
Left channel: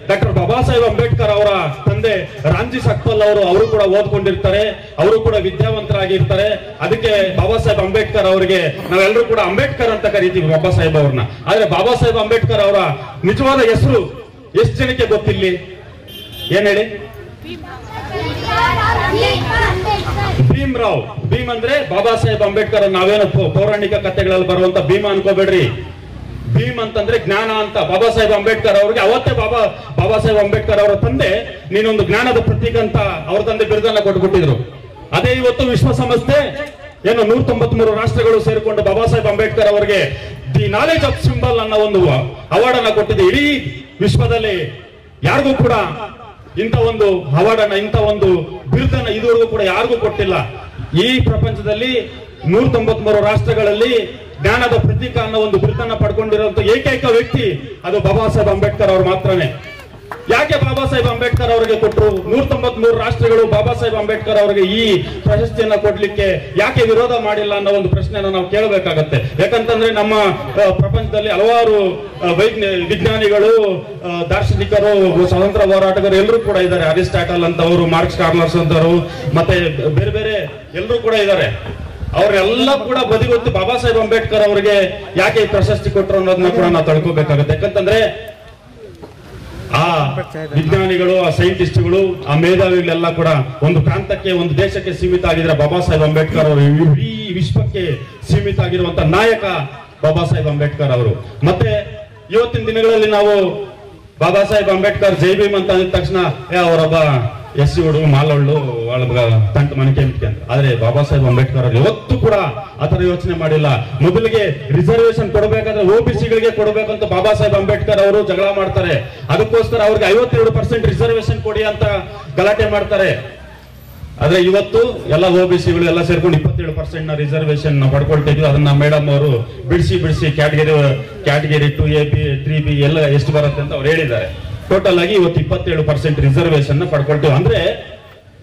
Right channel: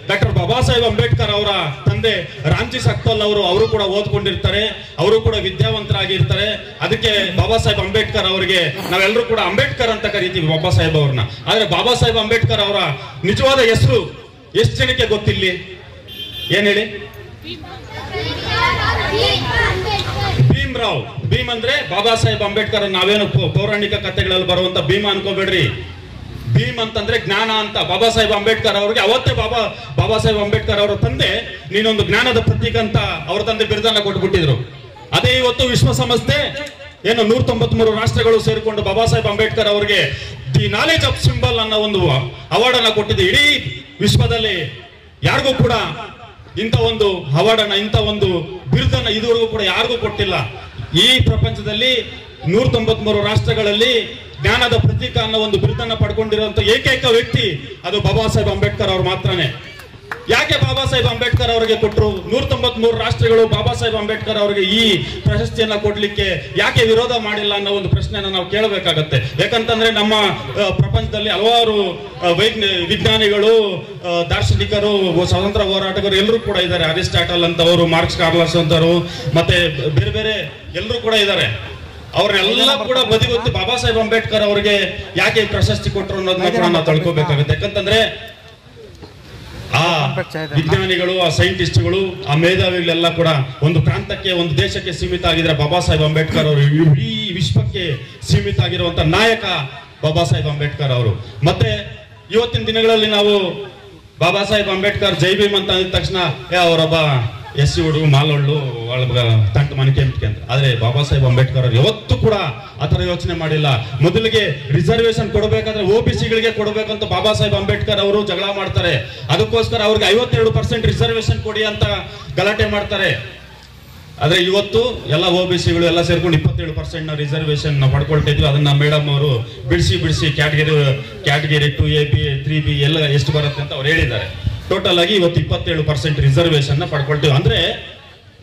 ಡಾಕ್ಟರ್ ಬಾಬಾ ಸಾಹೇಬ್ ಅಂಬೇಡ್ಕರ್ ಅವರ ತಂದೆ ರಾಮ್ಜಿ ಸಕ್ಪಲ್ ಅವರು ಕೂಡ ಓದ್ಕೊಂಡಿರ್ತಾರೆ, ಅವರು ಕೂಡ ವಿದ್ಯಾವಂತರಾಗಿರ್ತಾರೆ. ಅದಕ್ಕೆ ಬಾಬಾ ಸಾಹೇಬ್ ಅಂಬೇಡ್ಕರ್ ಅವರಿಗೆ ನಾವೆಲ್ಲರೂ ಕೂಡ ಅಂಬೇಡ್ಕರ್ ಅಂತ ಕರಿತೀವಿ ಬಾಬಾ ಸಾಹೇಬ್ ಅವ್ರನ್ನ. ಆದ್ರೆ ಬಾಬಾ ಸಾಹೇಬ್ ಅಂಬೇಡ್ಕರ್ ಅವರ ನಿಜವಾದ ಹೆಸರು ಎಷ್ಟು ಜನಕ್ಕೆ ಗೊತ್ತಿಲ್ಲಿ? ಏನ್ ಹೇಳಿ? ಭೀಮ್ ರಾವ್. ಭೀಮ್ ಅಂದ್ರೆ ಬಾಬಾ ಸಾಹೇಬ್ ಅಂಬೇಡ್ಕರ್. ನಾವೇನು ಪೌರಾಣಿಕ ಕಥೆಗಳಲ್ಲಿ ಬರುವಂತ ಭೀಮ ಅನ್ಕೋಬೇಡ್ರಿ. ಭೀಮ್ ಅಂತಂದ್ರೆ ಜ್ಞಾನ ಅಂತ. ಬಾಬಾ ಸಾಹೇಬ್ ಅಂಬೇಡ್ಕರ್ ಅವರಿಗೆ ಅವತ್ತೇ ಬಾಬಾ ಸಾಹೇಬ್ ಅಂಬೇಡ್ಕರ್ ಅವರ ತಂದೆ ನೀನೊಂದು ಜ್ಞಾನದ ಪ್ರತೀಕ ಅಂತ ಅವ್ರ ತಂದೆ ಬಿರುದನ್ನ ಕೊಟ್ಬಿಟ್ಟಿದ್ರು. ಅದೇ ಇವತ್ತು ವಿಶ್ವಸಂಸ್ಥೆ ಏನು 193 ರಾಷ್ಟ್ರಗಳು ಸೇರಿಕೊಂಡು ಬಾಬಾ ಸಾಹೇಬ್ ಅಂಬೇಡ್ಕರ್ ಅವರಿಗೆ ದಿ ನಾಲೆಜ್ ಆಫ್ ಸಿಂಬಲ್ ಅನ್ನೋ ಒಂದು ಅವಾರ್ಡ್ ಅನ್ನ ಕೊಟ್ಟಿದೆ. ಇಡೀ ವಿಶ್ವದಲ್ಲಿ ಯಾರಿಗೂ ಕೂಡ ಇಂಥ ಒಂದು ಅವಾರ್ಡ್ ಅನ್ನ, ಇಂಥ ಒಂದು ಬಿರುದನ್ನ ಇದುವರೆಗೂ ಕೂಡ ಯಾರಿಗೂ ಕೊಟ್ಟಿಲ್ಲ. ಈ ಪ್ರಪಂಚದಲ್ಲಿ 193 ರಾಷ್ಟ್ರಗಳಲ್ಲಿ ಜ್ಞಾನದ ಪ್ರತೀಕ ಅನ್ನೋ ಒಂದು ಬಿರುದನ್ನ ಪಡ್ಕೊಂಡಿರುವಂತ ಏಕೈಕ ವ್ಯಕ್ತಿ ಅದು ಬಾಬಾ ಸಾಹೇಬ್ ಅಂಬೇಡ್ಕರ್ ಅವರು ಮಾತ್ರನೇ. ಯಾಕೆ ಬಾಬಾ ಸಾಹೇಬ್ ಅಂಬೇಡ್ಕರ್ ಅವರಿಗೆ ಕೊಟ್ಟರು? 193 ರಾಷ್ಟ್ರಗಳು ಬಾಬಾ ಸಾಹೇಬ್ ಅಂಬೇಡ್ಕರ್ ಅವರಿಗೆ ಈ ಪ್ರಶಸ್ತಿಯನ್ನ ಕೊಡ್ಲಿಕ್ಕೆ ಯಾಕೆ ವಿರೋಧ ಮಾಡಿಲ್ಲ ಅನ್ನೋ ಒಂದು ಪ್ರಶ್ನೆಯನ್ನ ನಾವು ಕೇಳಬೇಕಾಗತ್ತೆ. ಯಾಕಂತಂದ್ರೆ ನಮ್ಮ ಪ್ರಪಂಚದಲ್ಲಿ ಹಲವಾರು ವಿಜ್ಞಾನಿಗಳು, ದಾರ್ಶನಿಕರು, ಸ್ವಾತಂತ್ರ್ಯ ಹೋರಾಟಗಾರರು ಎಲ್ಲರೂ ಕೂಡ ಇದ್ದಾರೆ. ಅರಿಸ್ಟಾಟಲ್ ಅಂತವರು, ಮಾರ್ಕ್ಸ್ ಕಾರ್ಲಸ್ ಅಂತವರು, ಮತ್ತೆ ಬೇರೆ ಬೇರೆ ಎಲ್ಲರೂ ಕೂಡ ಇದ್ದಾರೆ. ಅವರೆಲ್ಲ ಕೂಡ ಬದಿಗೊತ್ತು ಬಾಬಾ ಸಾಹೇಬ್ ಅಂಬೇಡ್ಕರ್ ಅವರಿಗೆ ಯಾಕೆ ಪ್ರಶಸ್ತಿ ಕೊಟ್ಟರು ಅನ್ನೋದನ್ನ ಕೂಡ ನಾವು ತಿಳ್ಕೋಬೇಕಾಗುತ್ತೆ. ಯಾಕಂತಂದ್ರೆ ಆ ವಿಜ್ಞಾನಿಗಳು, ಆ ಸೈಂಟಿಸ್ಟ್ಗಳು, ಆ ಮೇಧಾವಿಗಳೆಲ್ಲ ಕೂಡ ಒಂದು ಪ್ರಾಂತಕ್ಕೆ, ಒಂದು ದೇಶಕ್ಕೆ ಸೀಮಿತ ಆಗಿದ್ರೆ ಬಾಬಾ ಸಾಹೇಬ್ ಅಂಬೇಡ್ಕರ್ ಅವರು ಇಡೀ ವಿಶ್ವಕ್ಕೆ ಸೀಮಿತ ಆಗಿರುವಂತ ನಾಯಕ ಬಾಬಾ ಸಾಹೇಬ್ ಅಂಬೇಡ್ಕರ್ ಅವರು. ಮತ್ತೆ ಇವತ್ತಿನ ದಿನಗಳಲ್ಲಿ ನಾವು ಬಾಬಾ ಸಾಹೇಬ್ ಅಂಬೇಡ್ಕರ್ ಜೈ ಭೀಮ್ ಅಂತ ಅಂದ ತಕ್ಷಣ ಅವರೊಬ್ಬ ಎಸ್ ಸಿ ಹುಡುಗ, ಮಾಲೊಳ್ಳು, ತಂಟು ಮನಕೆ ಅಂತ. ಆದ್ರೆ ಬಾಬಾ ಸಾಹೇಬ್ ಅಂಬೇಡ್ಕರ್ ಅವರು ಯಾವತ್ತೂ ಕೂಡ ಆತರ ಯೋಚನೆ ಮಾಡಿಲ್ಲ. ಮೊದಲಿಗೆ ರಿಸರ್ವೇಶನ್ ಕೊಡಬೇಕಾದ್ರೆ OBC-ಗಳಿಗೆ ಕೊಡಬೇಕಂತ ಬಾಬಾ ಸಾಹೇಬ್ ಅಂಬೇಡ್ಕರ್ ಅವರು ಜಗಳ ಮಾಡ್ತಾರೆ. ಅದಕ್ಕೋಸ್ಕರ ಅವ್ರಿಗೆ 52% ರಿಸರ್ವೇಶನ್ ಕೊಡಿ ಅಂತ ಗಲಾಟೆ ಮಾಡ್ತಾರೆ. ಆದ್ರೆ ಇವತ್ತು ಎಲ್ಲ OBC-ಗಳು ಎಲ್ಲ ಸೇರ್ಕೊಂಡು 27% ರಿಸರ್ವೇಶನ್ ಪಡ್ಕೊಳ್ತಿದ್ವಿ. ಅದನ್ನ ಮೇಡಮ್ ಅವರು ಬಿಡಿಸಿ ಕ್ಯಾಟಗರಿ 2A, B, 3B ಎಲ್ಲ ಎಷ್ಟು ಬರುತ್ತೆ ಅಂತ ಅವ್ರು ಹೇಳಿದ್ದಾರೆ. ಟೋಟಲ್ ಆಗಿ ಇವತ್ತು 27% ರಿಸರ್ವೇಶನ್ ಪಡ್ಕೊಳ್ತೀವಿ. ಅಂದ್ರೆ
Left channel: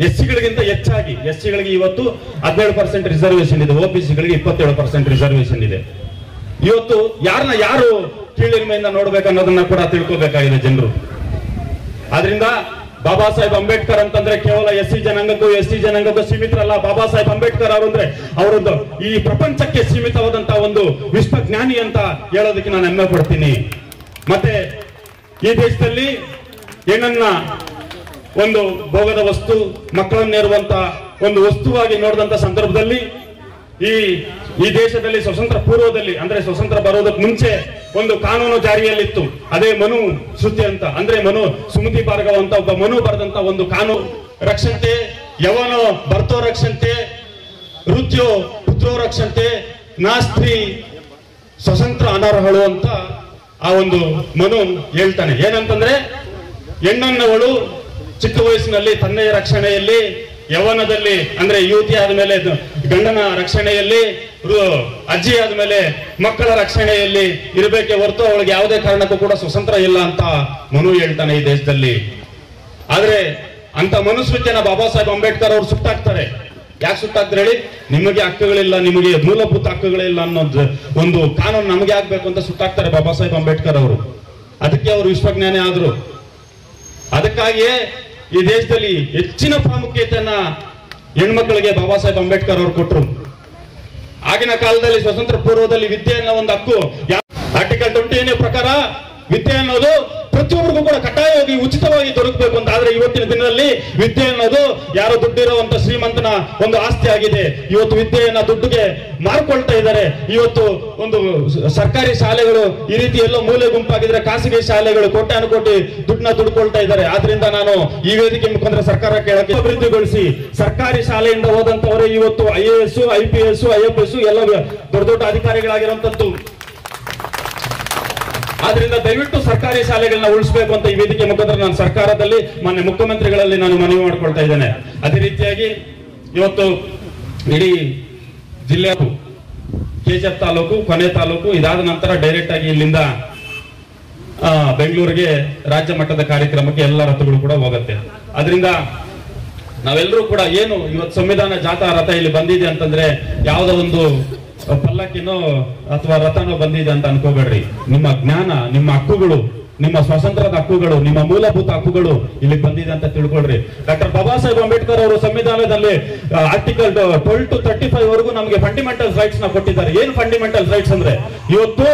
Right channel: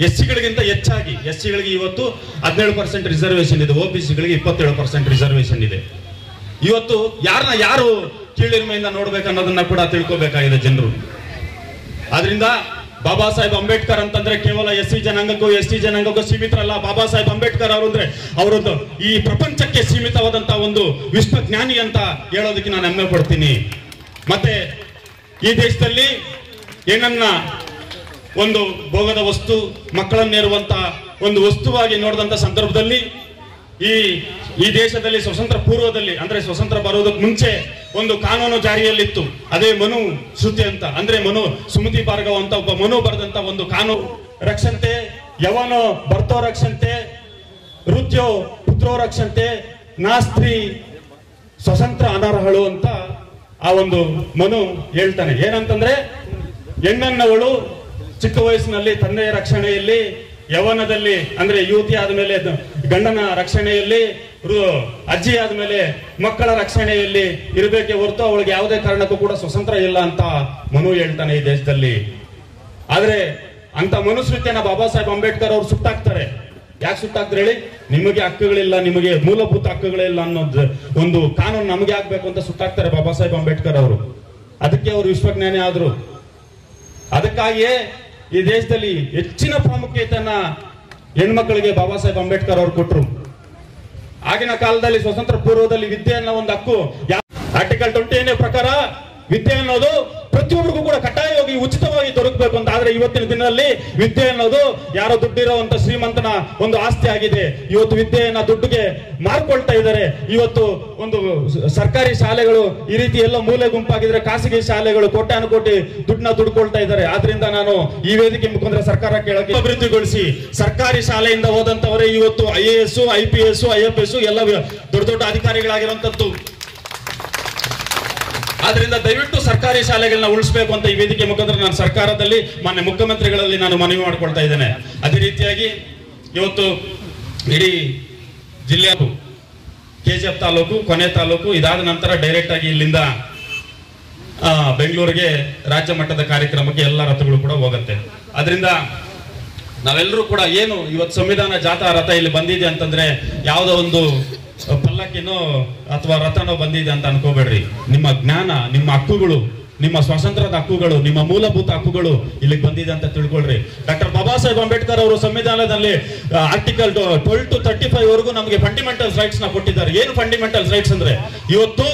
ಎಸ್ಸಿಗಳಿಗಿಂತ ಹೆಚ್ಚಾಗಿ ಎಸ್ಸಿಗಳಿಗೆ ಇವತ್ತು 17% ರಿಸರ್ವೇಶನ್ ಇದೆ, OBCಗಳಿಗೆ 27% ರಿಸರ್ವೇಶನ್ ಇದೆ. ಇವತ್ತು ಯಾರು ಕೀಳಿರಿಮೆಯಿಂದ ನೋಡ್ಬೇಕನ್ನೋದನ್ನ ಕೂಡ ತಿಳ್ಕೊಬೇಕಾಗಿದೆ ಜನರು. ಆದ್ರಿಂದ ಬಾಬಾ ಸಾಹೇಬ್ ಅಂಬೇಡ್ಕರ್ ಅಂತಂದ್ರೆ ಕೇವಲ SC ಜನಾಂಗಕ್ಕೂ ಸೀಮಿತರಲ್ಲ. ಬಾಬಾ ಸಾಹೇಬ್ ಅಂಬೇಡ್ಕರ್ ಅವರು ಅಂದ್ರೆ ಅವರೊಂದು ಈ ಪ್ರಪಂಚಕ್ಕೆ ಸೀಮಿತವಾದಂತಹ ಒಂದು ವಿಶ್ವಜ್ಞಾನಿ ಅಂತ ಹೇಳೋದಕ್ಕೆ ನಾನು ಹೆಮ್ಮೆ ಪಡ್ತೀನಿ. ಮತ್ತೆ ಈ ದೇಶದಲ್ಲಿ ಏನನ್ನ ಒಂದು ಭೋಗದ ವಸ್ತು, ಮಕ್ಕಳನ್ನೇರುವಂತ ಒಂದು ವಸ್ತುವಾಗಿ ನೋಡಿದಂತ ಸಂದರ್ಭದಲ್ಲಿ ಈ ದೇಶದಲ್ಲಿ ಸ್ವತಂತ್ರ ಪೂರ್ವದಲ್ಲಿ ಅಂದ್ರೆ ಸ್ವತಂತ್ರ ಬರೋದಕ್ಕೆ ಮುಂಚೆ ಒಂದು ಕಾನೂನು ಜಾರಿಯಲ್ಲಿತ್ತು. ಅದೇ ಮನು ಶ್ರುತಿ ಅಂತ, ಅಂದ್ರೆ ಸುಮತಿ ಭಾರ್ಗವ ಅಂತ ಒಬ್ಬ ಮನು ಬರೆದಂತ ಒಂದು ಕಾನೂನು. ರಕ್ಷಂತೆ ಯವನೋ ಭರ್ತೋ ರಕ್ಷಂತೆ ವೃತ್ಯೋ ಪುತ್ರೋ ರಕ್ಷಂತೆ ನಾಸ್ತ್ರೀ ಸ್ವತಂತ್ರ ಅನರ್ಹಳು ಅಂತ ಆ ಒಂದು ಮನು ಹೇಳ್ತಾನೆ. ಏನಂತಂದ್ರೆ ಹೆಣ್ಣನ್ನವಳು ಚಿಕ್ಕ ವಯಸ್ಸಿನಲ್ಲಿ ತಂದೆಯ ರಕ್ಷಣೆಯಲ್ಲಿ, ಯವನದಲ್ಲಿ ಅಂದ್ರೆ ಯುವತಿ ಆದ್ಮೇಲೆ ಗಂಡನ ರಕ್ಷಣೆಯಲ್ಲಿ, ಅಜ್ಜಿ ಆದ್ಮೇಲೆ ಮಕ್ಕಳ ರಕ್ಷಣೆಯಲ್ಲಿ ಇರಬೇಕೆ ಹೊರತು ಅವಳಿಗೆ ಯಾವುದೇ ಕಾರಣಕ್ಕೂ ಕೂಡ ಸ್ವತಂತ್ರ ಇಲ್ಲ ಅಂತ ಮನು ಹೇಳ್ತಾನೆ ಈ ದೇಶದಲ್ಲಿ. ಆದ್ರೆ ಅಂತ ಮನುಸ್ಮೃತಿಯನ್ನ ಬಾಬಾ ಸಾಹೇಬ್ ಅಂಬೇಡ್ಕರ್ ಅವರು ಸುಟ್ಟಾಕ್ತಾರೆ. ಯಾಕೆ ಸುಟ್ಟಾಕ್ತಾರೆ ಹೇಳಿ? ನಿಮಗೆ ಹಕ್ಕುಗಳಿಲ್ಲ, ನಿಮಗೆ ಮೂಲಭೂತ ಹಕ್ಕುಗಳಿಲ್ಲ ಅನ್ನೋದು ಒಂದು ಕಾನೂನು ನಮಗೆ ಆಗ್ಬೇಕು ಅಂತ ಸುಟ್ಟಾಕ್ತಾರೆ ಬಾಬಾ ಸಾಹೇಬ್ ಅಂಬೇಡ್ಕರ್ ಅವರು. ಅದಕ್ಕೆ ಅವರು ವಿಶ್ವಜ್ಞಾನಿ ಆದ್ರು. ಅದಕ್ಕಾಗಿಯೇ ಈ ದೇಶದಲ್ಲಿ ಹೆಚ್ಚಿನ ಪ್ರಾಮುಖ್ಯತೆಯನ್ನ ಹೆಣ್ಮಕ್ಳಿಗೆ ಬಾಬಾ ಸಾಹೇಬ್ ಅಂಬೇಡ್ಕರ್ ಅವರು ಕೊಟ್ಟರು. ಆಗಿನ ಕಾಲದಲ್ಲಿ ಸ್ವತಂತ್ರ ಪೂರ್ವದಲ್ಲಿ ವಿದ್ಯೆ ಅನ್ನೋ ಒಂದು ಹಕ್ಕು ಆರ್ಟಿಕಲ್ 20 ಪ್ರಕಾರ ವಿದ್ಯೆ ಅನ್ನೋದು ಪ್ರತಿಯೊಬ್ಬರಿಗೂ ಕೂಡ ಕಡ್ಡಾಯವಾಗಿ ಉಚಿತವಾಗಿ ದೊರಕಬೇಕು ಅಂತ. ಆದ್ರೆ ಇವತ್ತಿನ ದಿನದಲ್ಲಿ ವಿದ್ಯೆ ಅನ್ನೋದು ಯಾರೋ ದುಡ್ಡಿರುವಂತ ಶ್ರೀಮಂತನ ಒಂದು ಆಸ್ತಿ ಆಗಿದೆ. ಇವತ್ತು ವಿದ್ಯೆಯನ್ನ ದುಡ್ಡಿಗೆ ಮಾರ್ಕೊಳ್ತಾ ಇದ್ದಾರೆ. ಇವತ್ತು ಒಂದು ಸರ್ಕಾರಿ ಶಾಲೆಗಳು ಈ ರೀತಿ ಎಲ್ಲ ಮೂಲೆ ಗುಂಪಾಗಿದ್ರೆ ಖಾಸಗಿ ಶಾಲೆಗಳು ಕೋಟ್ಯಾನುಕೋಟಿ ದುಡ್ಡನ್ನ ದುಡ್ಕೊಳ್ತಾ ಇದ್ದಾರೆ. ಆದ್ರಿಂದ ನಾನು ಈ ವೇದಿಕೆ ಮುಖಾಂತರ ಸರ್ಕಾರ ಕೇಳಕ್ಕೆ ಅಭಿವೃದ್ಧಿಗೊಳಿಸಿ ಸರ್ಕಾರಿ ಶಾಲೆಯಿಂದ ಹೋದಂತವರೇ ಇವತ್ತು IAS, IPS, IFS ಎಲ್ಲ ದೊಡ್ಡ ಅಧಿಕಾರಿಗಳಾಗಿರುವಂತದ್ದು. ಆದ್ರಿಂದ ದಯವಿಟ್ಟು ಸರ್ಕಾರಿ ಶಾಲೆಗಳನ್ನ ಉಳಿಸಬೇಕು ಅಂತ ಈ ವೇದಿಕೆ ಮುಖಾಂತರ ನಾನು ಸರ್ಕಾರದಲ್ಲಿ ಮಾನ್ಯ ಮುಖ್ಯಮಂತ್ರಿಗಳಲ್ಲಿ ನಾನು ಮನವಿ ಮಾಡ್ಕೊಳ್ತಾ ಇದ್ದೇನೆ. ಅದೇ ರೀತಿಯಾಗಿ ಇವತ್ತು ಇಡೀ ಜಿಲ್ಲೆ KGF ತಾಲೂಕು, ಕೊನೆ ತಾಲೂಕು, ಇದಾದ ನಂತರ ಡೈರೆಕ್ಟ್ ಆಗಿ ಇಲ್ಲಿಂದ ಬೆಂಗಳೂರಿಗೆ ರಾಜ್ಯ ಮಟ್ಟದ ಕಾರ್ಯಕ್ರಮಕ್ಕೆ ಎಲ್ಲ ರಥಗಳು ಕೂಡ ಹೋಗುತ್ತೆ. ಅದರಿಂದ ನಾವೆಲ್ಲರೂ ಕೂಡ ಏನು ಇವತ್ತು ಸಂವಿಧಾನ ಜಾಥಾ ರಥ ಇಲ್ಲಿ ಬಂದಿದೆ ಅಂತಂದ್ರೆ ಯಾವುದೋ ಒಂದು ಪಲ್ಲಕ್ಕಿನೋ ಅಥವಾ ರಥನೋ ಬಂದಿದೆ ಅಂತ ಅನ್ಕೋಬೇಡ್ರಿ. ನಿಮ್ಮ ಜ್ಞಾನ, ನಿಮ್ಮ ಹಕ್ಕುಗಳು, ನಿಮ್ಮ ಸ್ವಾತಂತ್ರ್ಯದ ಹಕ್ಕುಗಳು, ನಿಮ್ಮ ಮೂಲಭೂತ ಹಕ್ಕುಗಳು ಇಲ್ಲಿಗೆ ಬಂದಿದೆ ಅಂತ ತಿಳ್ಕೊಳ್ರಿ. ಡಾಕ್ಟರ್ ಬಾಬಾ ಸಾಹೇಬ್ ಅಂಬೇಡ್ಕರ್ ಅವರು ಸಂವಿಧಾನದಲ್ಲಿ ಆರ್ಟಿಕಲ್ 12 to 35 ವರೆಗೂ ನಮಗೆ ಫಂಡಮೆಂಟಲ್ ರೈಟ್ಸ್ ನ ಕೊಟ್ಟಿದ್ದಾರೆ. ಏನು ಫಂಡಮೆಂಟಲ್ ರೈಟ್ಸ್ ಅಂದ್ರೆ ಇವತ್ತು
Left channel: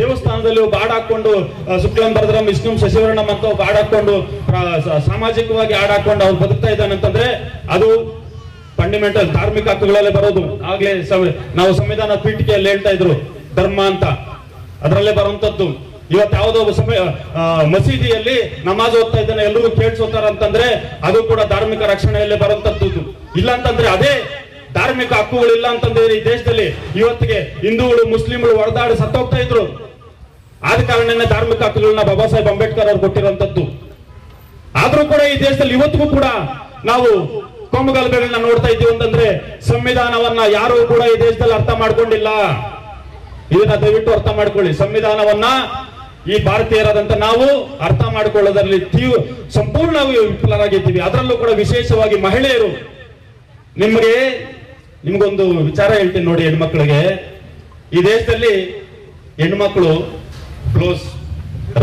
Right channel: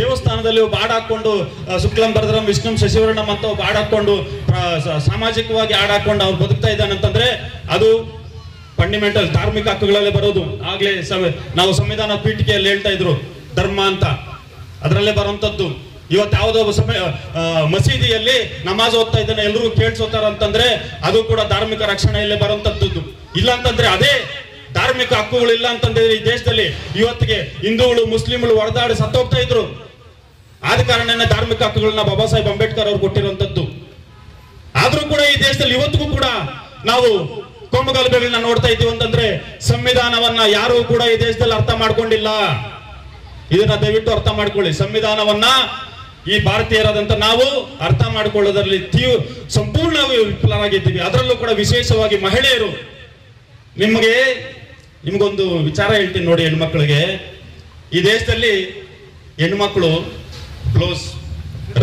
ದೇವಸ್ಥಾನದಲ್ಲಿ ಹಾಡು ಹಾಕೊಂಡು ಶುಕ್ಲಂ ಭರದ್ರಂ ವಿಷ್ಣುಂ ಶಶಿವರ್ಣಂ ಅಂತ ಹಾಡು ಹಾಕೊಂಡು ಸಾಮಾಜಿಕವಾಗಿ ಹಾಡು ಹಾಕೊಂಡು ಅವ್ರು ಬದುಕ್ತಾ ಇದ್ದಾನಂತಂದ್ರೆ ಅದು ಫಂಡಮೆಂಟಲ್ ಧಾರ್ಮಿಕ ಹಕ್ಕುಗಳಲ್ಲಿ ಬರೋದು. ಆಗ್ಲೇ ನಾವು ಸಂವಿಧಾನ ಪೀಠಿಕೆಯಲ್ಲಿ ಹೇಳ್ತಾ ಇದ್ರು ಧರ್ಮ ಅಂತ, ಅದರಲ್ಲೇ ಬರುವಂತದ್ದು. ಇವತ್ತು ಯಾವುದೋ ಮಸೀದಿಯಲ್ಲಿ ನಮಾಜ್ ಓದ್ತಾ ಇದ್ದಾನೆ, ಎಲ್ರಿಗೂ ಕೇಳಿಸೋತಾರ ಅಂತಂದ್ರೆ ಅದು ಕೂಡ ಧಾರ್ಮಿಕ ರಕ್ಷಣೆಯಲ್ಲಿ ಬರುವಂತದ್ದು. ಇಲ್ಲ ಅಂತಂದ್ರೆ ಅದೇ ಧಾರ್ಮಿಕ ಹಕ್ಕುಗಳಿಲ್ಲ ಅಂತಂದ್ರೆ ಈ ದೇಶದಲ್ಲಿ ಇವತ್ತಿಗೆ ಹಿಂದೂಗಳು ಮುಸ್ಲಿಂಗಳು ಹೊಡೆದಾಡಿ ಸತ್ತೋಗ್ತಾ ಇದ್ರು. ಆದ ಕಾರಣನೇ ಧಾರ್ಮಿಕ ಹಕ್ಕುಗಳನ್ನ ಬಾಬಾ ಸಾಹೇಬ್ ಅಂಬೇಡ್ಕರ್ ಅವರು ಕೊಟ್ಟಿರುವಂತದ್ದು. ಆದ್ರೂ ಕೂಡ ಈ ದೇಶದಲ್ಲಿ ಇವತ್ತಿಗೂ ಕೂಡ ನಾವು ಕೋಮುಗಲಭೆಗಳನ್ನ ನೋಡ್ತಾ ಇದ್ದೀವಿ ಅಂತಂದ್ರೆ ಸಂವಿಧಾನವನ್ನ ಯಾರು ಕೂಡ ಈ ದೇಶದಲ್ಲಿ ಅರ್ಥ ಮಾಡ್ಕೊಂಡಿಲ್ಲ. ಇದನ್ನ ದಯವಿಟ್ಟು ಅರ್ಥ ಮಾಡ್ಕೊಳ್ಳಿ. ಸಂವಿಧಾನವನ್ನ ಈ ಭಾರತೀಯರಾದಂತ ನಾವು ಅರ್ಥ ಮಾಡ್ಕೊಳ್ಳೋದ್ರಲ್ಲಿ ಸಂಪೂರ್ಣವಾಗಿ ವಿಫಲರಾಗಿದ್ದೀವಿ. ಅದರಲ್ಲೂ ಕೂಡ ವಿಶೇಷವಾಗಿ ಮಹಿಳೆಯರು. ನಿಮ್ಗೊಂದು ವಿಚಾರ ಹೇಳ್ತೀನಿ ನೋಡಿ. ಹೆಣ್ಮಕ್ಳಿಗೆ ಈ ದೇಶದಲ್ಲಿ ಹೆಣ್ಮಕ್ಳು ಬ್ಲೌಸ್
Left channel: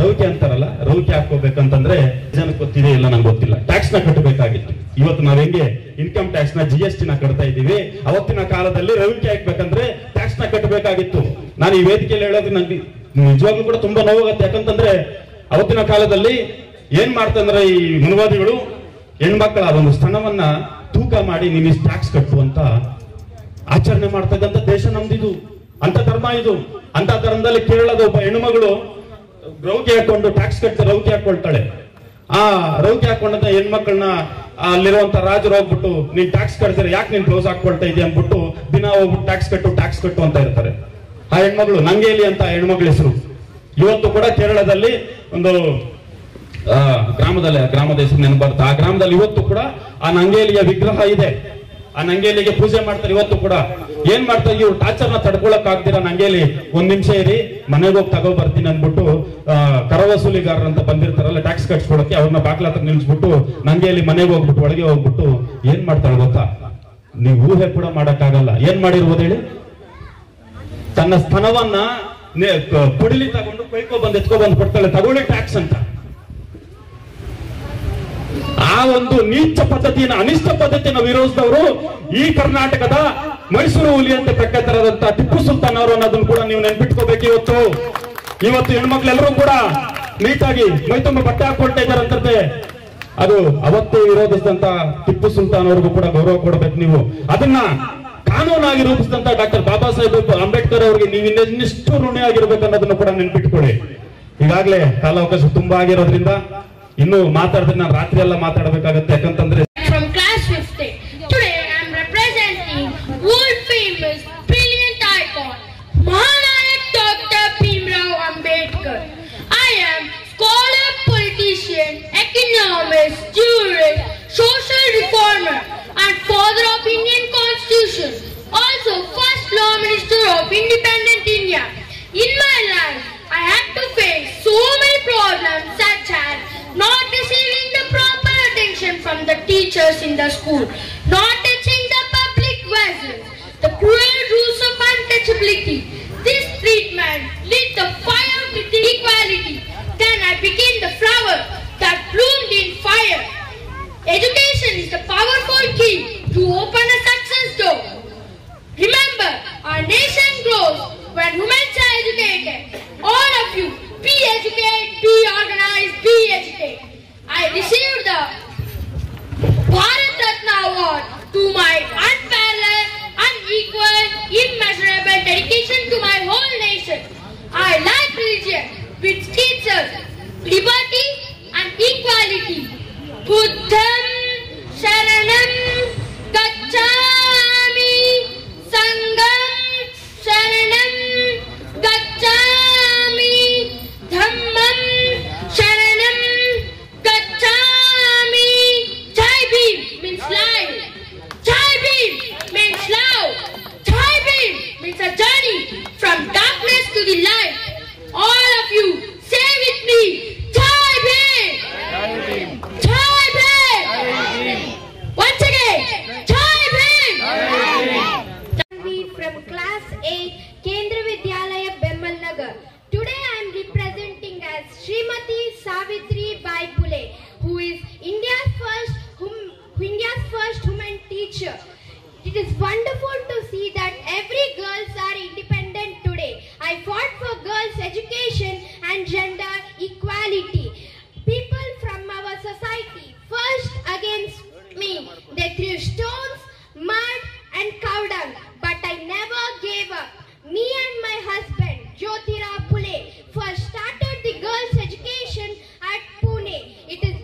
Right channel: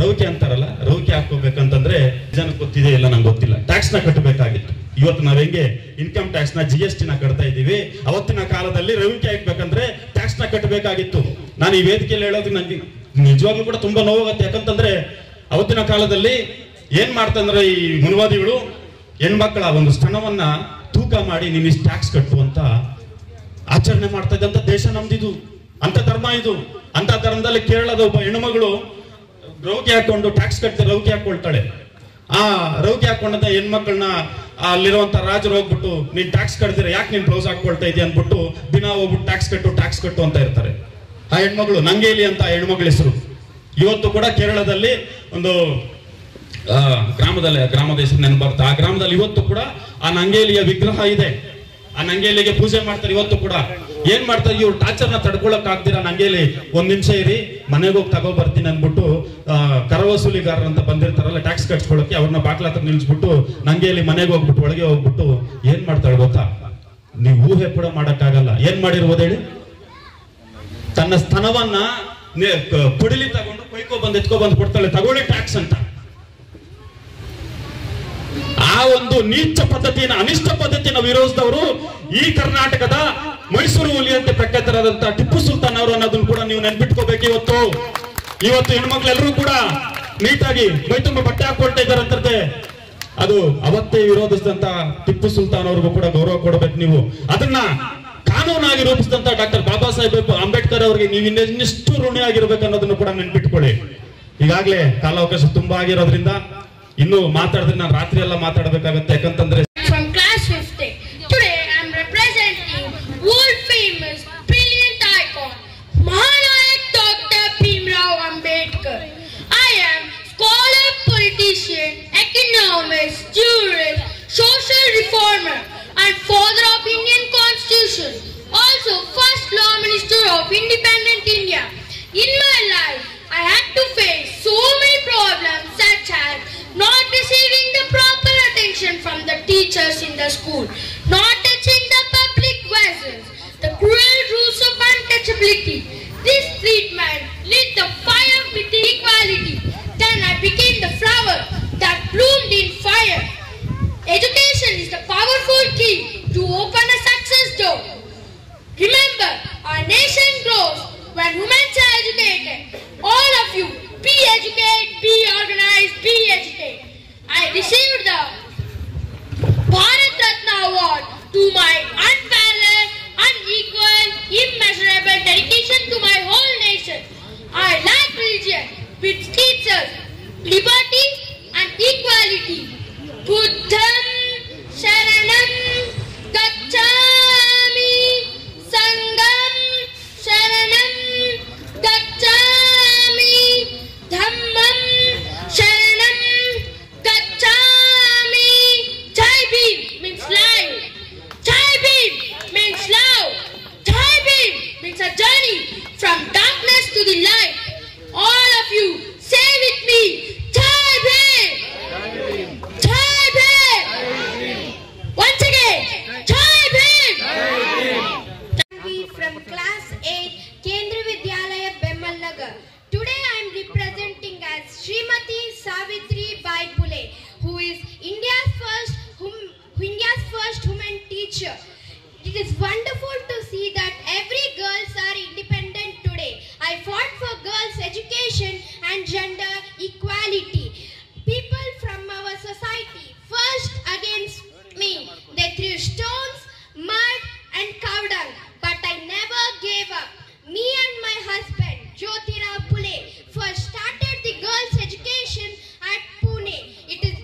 ರೌಕೆ ಅಂತಾರಲ್ಲ, ರೌಕೆ ಹಾಕೋಬೇಕಂತಂದ್ರೆ ಜನಕ್ಕೆ ಗೊತ್ತಿದೆ ಇಲ್ಲ ನಂಗೆ ಗೊತ್ತಿಲ್ಲ. ಟ್ಯಾಕ್ಸ್ ನ ಕಟ್ಟಬೇಕಾಗಿತ್ತು. ಇವತ್ತು ನಾವ್ ಹೆಂಗೆ ಇನ್ಕಮ್ ಟ್ಯಾಕ್ಸ್ ನ GST ನ ಕಟ್ತಾ ಇದ್ದೀವಿ, ಅವತ್ತಿನ ಕಾಲದಲ್ಲಿ ರೌಕೆ ಹಾಕ್ಬೇಕಂದ್ರೆ ಟ್ಯಾಕ್ಸ್ ನ ಕಟ್ಟಬೇಕಾಗಿತ್ತು. ನಾನು ಈ ವೇದಿಕೆಯಲ್ಲಿ ಹೇಳೋದು ನಂಗೆ ನಿಜವಾಗ್ಲೂ ಕೂಡ ತುಂಬಾ ನೋವಾಗುತ್ತೆ. ಯಾಕಂತಂದ್ರೆ ಅವತ್ತಿನ ಕಾಲದಲ್ಲಿ ಏನ್ ಮಾಡ್ತಂದ್ರೆ ಈ ಮನುವಾದಿಗಳು ಹೆಣ್ಮಕ್ಳ ಒಂದು ಸ್ತನವನ್ನ ತೂಕ ಮಾಡಿ ನೀನು ಇಷ್ಟು ಟ್ಯಾಕ್ಸ್ ಕಟ್ಟುವಂತ ಆಚರಣೆ ಮಾಡ್ತಾ ಇದ್ದಂತ ದೇಶ ನಮ್ದಿದು. ಅಂತ ಧರ್ಮ ಇದು. ಅಂತ ಧರ್ಮದಲ್ಲಿ ಕೇರಳದ ಒಬ್ಬ ಹೆಣ್ಣುಮಗಳು ರೌಕೆ ಹಾಕೊಂಡು ಟ್ಯಾಕ್ಸ್ ಕಟ್ಟಿ ರೌಕೆ ಹಾಕೊಳ್ತಾಳೆ. ಆ ರೌಕೆ ಹಾಕೊಂಡಂತ ಹೆಣ್ಮಕ್ಳನ್ನ ಅಲ್ಲಿರುವಂತ ರಾಜರು ಹೋಗ್ಬಿಟ್ಟು ನೀನ್ ಟ್ಯಾಕ್ಸ್ ಕಟ್ತೀರ, ಯಾಕೆ ನೀನ್ ಬ್ಲೌಸ್ ಹಾಕೊಳ್ತಾ ಇದೀಯ ಅಂದ್ಬಿಟ್ಟು ದಿನ ಹೋಗ್ಬಿಟ್ಟು ಟ್ಯಾಕ್ಸ್ ಕಟ್ಟು ಅಂತ ಇರ್ತಾರೆ. ಆ ಹೆಣ್ಮಗಳು ನಂಗೇಲಿ ಅಂತ ಹೆಣ್ಮಗಳ ಹೆಸರು. ಇವತ್ತು ಕೂಡ ಕೇರಳದಲ್ಲಿ ಒಂದು ಗ್ರಾಮದ ಹೆಸರು ನೆನಪು ಬರುತ್ತೆ. ಆ ಗ್ರಾಮದಲ್ಲಿ ಇವತ್ತು ಕೂಡ ಆ ನಂಗೇಲಿಯ ವಿಗ್ರಹ ಇದೆ. ಆ ನಂಗೇಲಿಗೆ ಪೂಜೆ ಮಾಡ್ತಾರೆ ಇವತ್ತು ಕೂಡ. ಏನ್ ಮಾಡ್ತಾರೆ ಇವ್ರು ಟಾರ್ಚರ್ನ ತಡ್ಕೊಳಕ್ ಆಗ್ದಿರ ನಂಗೇಲಿ ಒಂದ್ ನಿಮಿಷ ಇರಿ ಮನೆಗೆ ಹೋಗಿ ತಗೋ ಬರ್ತೀನಿ ಅಂದ್ಬಿಟ್ಟು ಕರ ವಸೂಲಿಗಾರರು ಅಂತ ಬಂದಿರ್ತಾರಲ್ಲ ಟ್ಯಾಕ್ಸ್ ಕಟ್ಸ್ಕೊಳಕ್ಕೆ ಅವ್ರನ್ನ ಬಾಕ್ಲ ಹತ್ರ ನಿಲ್ಸ್ಬಿಟ್ಟು ನಂಗೇಲಿ ಮನೆಗೆ ಹೋಗ್ಬಿಟ್ಟು ಒಳಗೆ ಹೋಗ್ಬಿಟ್ಟು ಏನ್ ಮಾಡ್ತಾಳೆ ಗೊತ್ತಾ, ನೀವು ಊಹೆ ಕೂಡ ಮಾಡಕ್ಕಾಗಲ್ಲ. ಏನ್ ಮಾಡಿರ್ಬೋದು ಹೇಳಿ, ತನ್ನ ಸ್ತನವನ್ನ ಪುಡಿಲಿ ತಗೊಂಡು ಕೊಯ್ಕೊ ಬಂದು ಎತ್ಕೊ ಬಂದು ಕೊಡ್ತಾಳೆ, ತಗೊಳ್ಳಿ ಟ್ಯಾಕ್ಸ್ ಅಂತ. ಆ ಒಂದು ನೀಚ ಪದ್ಧತಿನ ಅನಿಷ್ಟ ಪದ್ಧತಿನ ವಿರೋಧಿಸಿದವರು ಈ ಕರ್ನಾಟಕದ ಮೈಸೂರು ಹುಲಿ ಅಂತ ಪ್ರಖ್ಯಾತರಾದಂತಹ ಟಿಪ್ಪು ಸುಲ್ತಾನ್ ಅವರು ಅನ್ನೋದನ್ನ ಕೂಡ ನೀವು ನೆನ್ಪಿಟ್ಕೋಬೇಕು. ಇವತ್ತು ಹೆಣ್ಮಕ್ಳೆಲ್ಲರೂ ಕೂಡ ನೀಟಾಗಿ ಮೈ ತುಂಬ ಬಟ್ಟೆ ಹಾಕೊಳ್ತಾ ಇದ್ದಾರಂತೆ. ಅದು ಅವತ್ತೇ ವಿರೋಧಿಸಿದಂತ ಟಿಪ್ಪು ಸುಲ್ತಾನ್ ಅವ್ರಿಗೂ ಕೂಡ ಗೌರವ ಕೊಡಬೇಕು. ನೀವು ಅದನ್ನ ಕಾನೂನಾಗಿ ರೂಪಿಸಿದಂತ ಡಾಕ್ಟರ್ ಬಾಬಾ ಸಾಹೇಬ್ ಅಂಬೇಡ್ಕರ್ ಅವರಿಗೆ ನೀವು ಇನ್ನೆಷ್ಟು ಋಣಿ ಆಗಿರ್ಬೇಕು ಅನ್ನೋದನ್ನು ಕೂಡ ನೆನ್ಪಿಟ್ಕೊಳ್ಳಿ. ಈಗಾಗಲೇ ಕಾಲಾವಕಾಶ ತುಂಬಾ ಆಗಿರೋದ್ರಿಂದ ಇನ್ನು ಮಾತಾಡಿದ್ರೆ ನಾನು ರಾತ್ರಿ ಎಲ್ಲ ಮಾತಾಡಬೇಕಾಗತ್ತೆ. ಯಾಕಂತಂದ್ರೆ from class 50. Today I am representing world famous brilliant icon Mahanayak Dr. Bhimrao Ambedkar. I am scholar, politician, economist, jurist, social reformer and father of Indian Constitution. Also first law minister of independent India. In my life I had to face so many problems such as not receiving the proper attention from the teachers in the school, not touching the public vessels, the cruel rules of untouchability. This treatment lit the fire with equality. Then I became the flower that bloomed in fire. Education is the powerful key to open a success door. Remember, our nation grows when women are educated. All of you, be educated, be organized, be educated. I received the Bharat Ratna Award to my unparalleled, unequal, immeasurable dedication to my whole nation. I like religion, which teaches liberty and equality. Buddham Sharanam Gacchami, Sangam Sharanam Gacchami, Dhammam Sharanam Gacchami. Jai Bhim means life. Jai Bhim means love. Jai Bhim means a journey from darkness to the light. All of you, say with me, Jai Bhim. Jai Bhim. Once again, Jai Bhim. From class 8, Kendra Vidyalaya, Bemal Nagar. Today I am representing as Srimati Savitri Bai Phule, who is India's first woman teacher. It is wonderful to see that every girls are independent today. I fought for girls' education and gender equality. People from our society first against me. They threw stones, mud and cow dung, but I never gave up. Me and my husband, Jyotira Phule, first started the girls' education at Pune. It is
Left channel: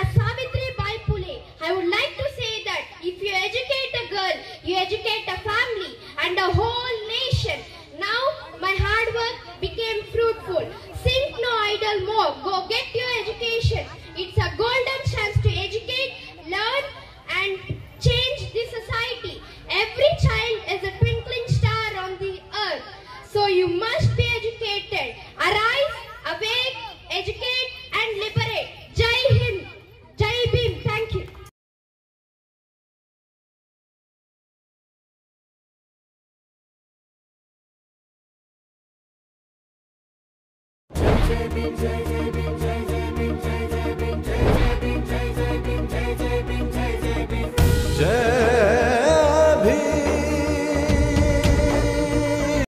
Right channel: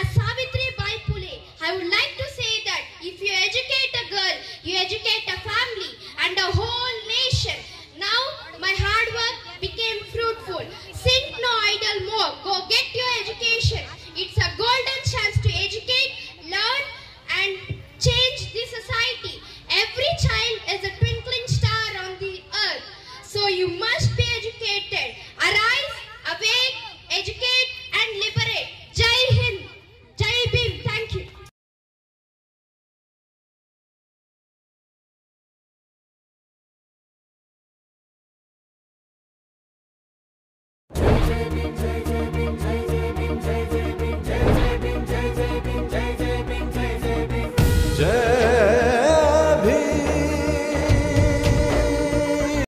as Savitri Bai Phule. I would like to say that if you educate a girl, you educate a family and a whole nation. Now my hard work became fruitful. Think no idle more. Go get your education. It's a golden chance to educate, learn and change the society. Every child is a twinkling star on the earth. So you must be educated. Arise, awake, educate and liberate. Jai Hind. Jai Bhim. Thank you. जय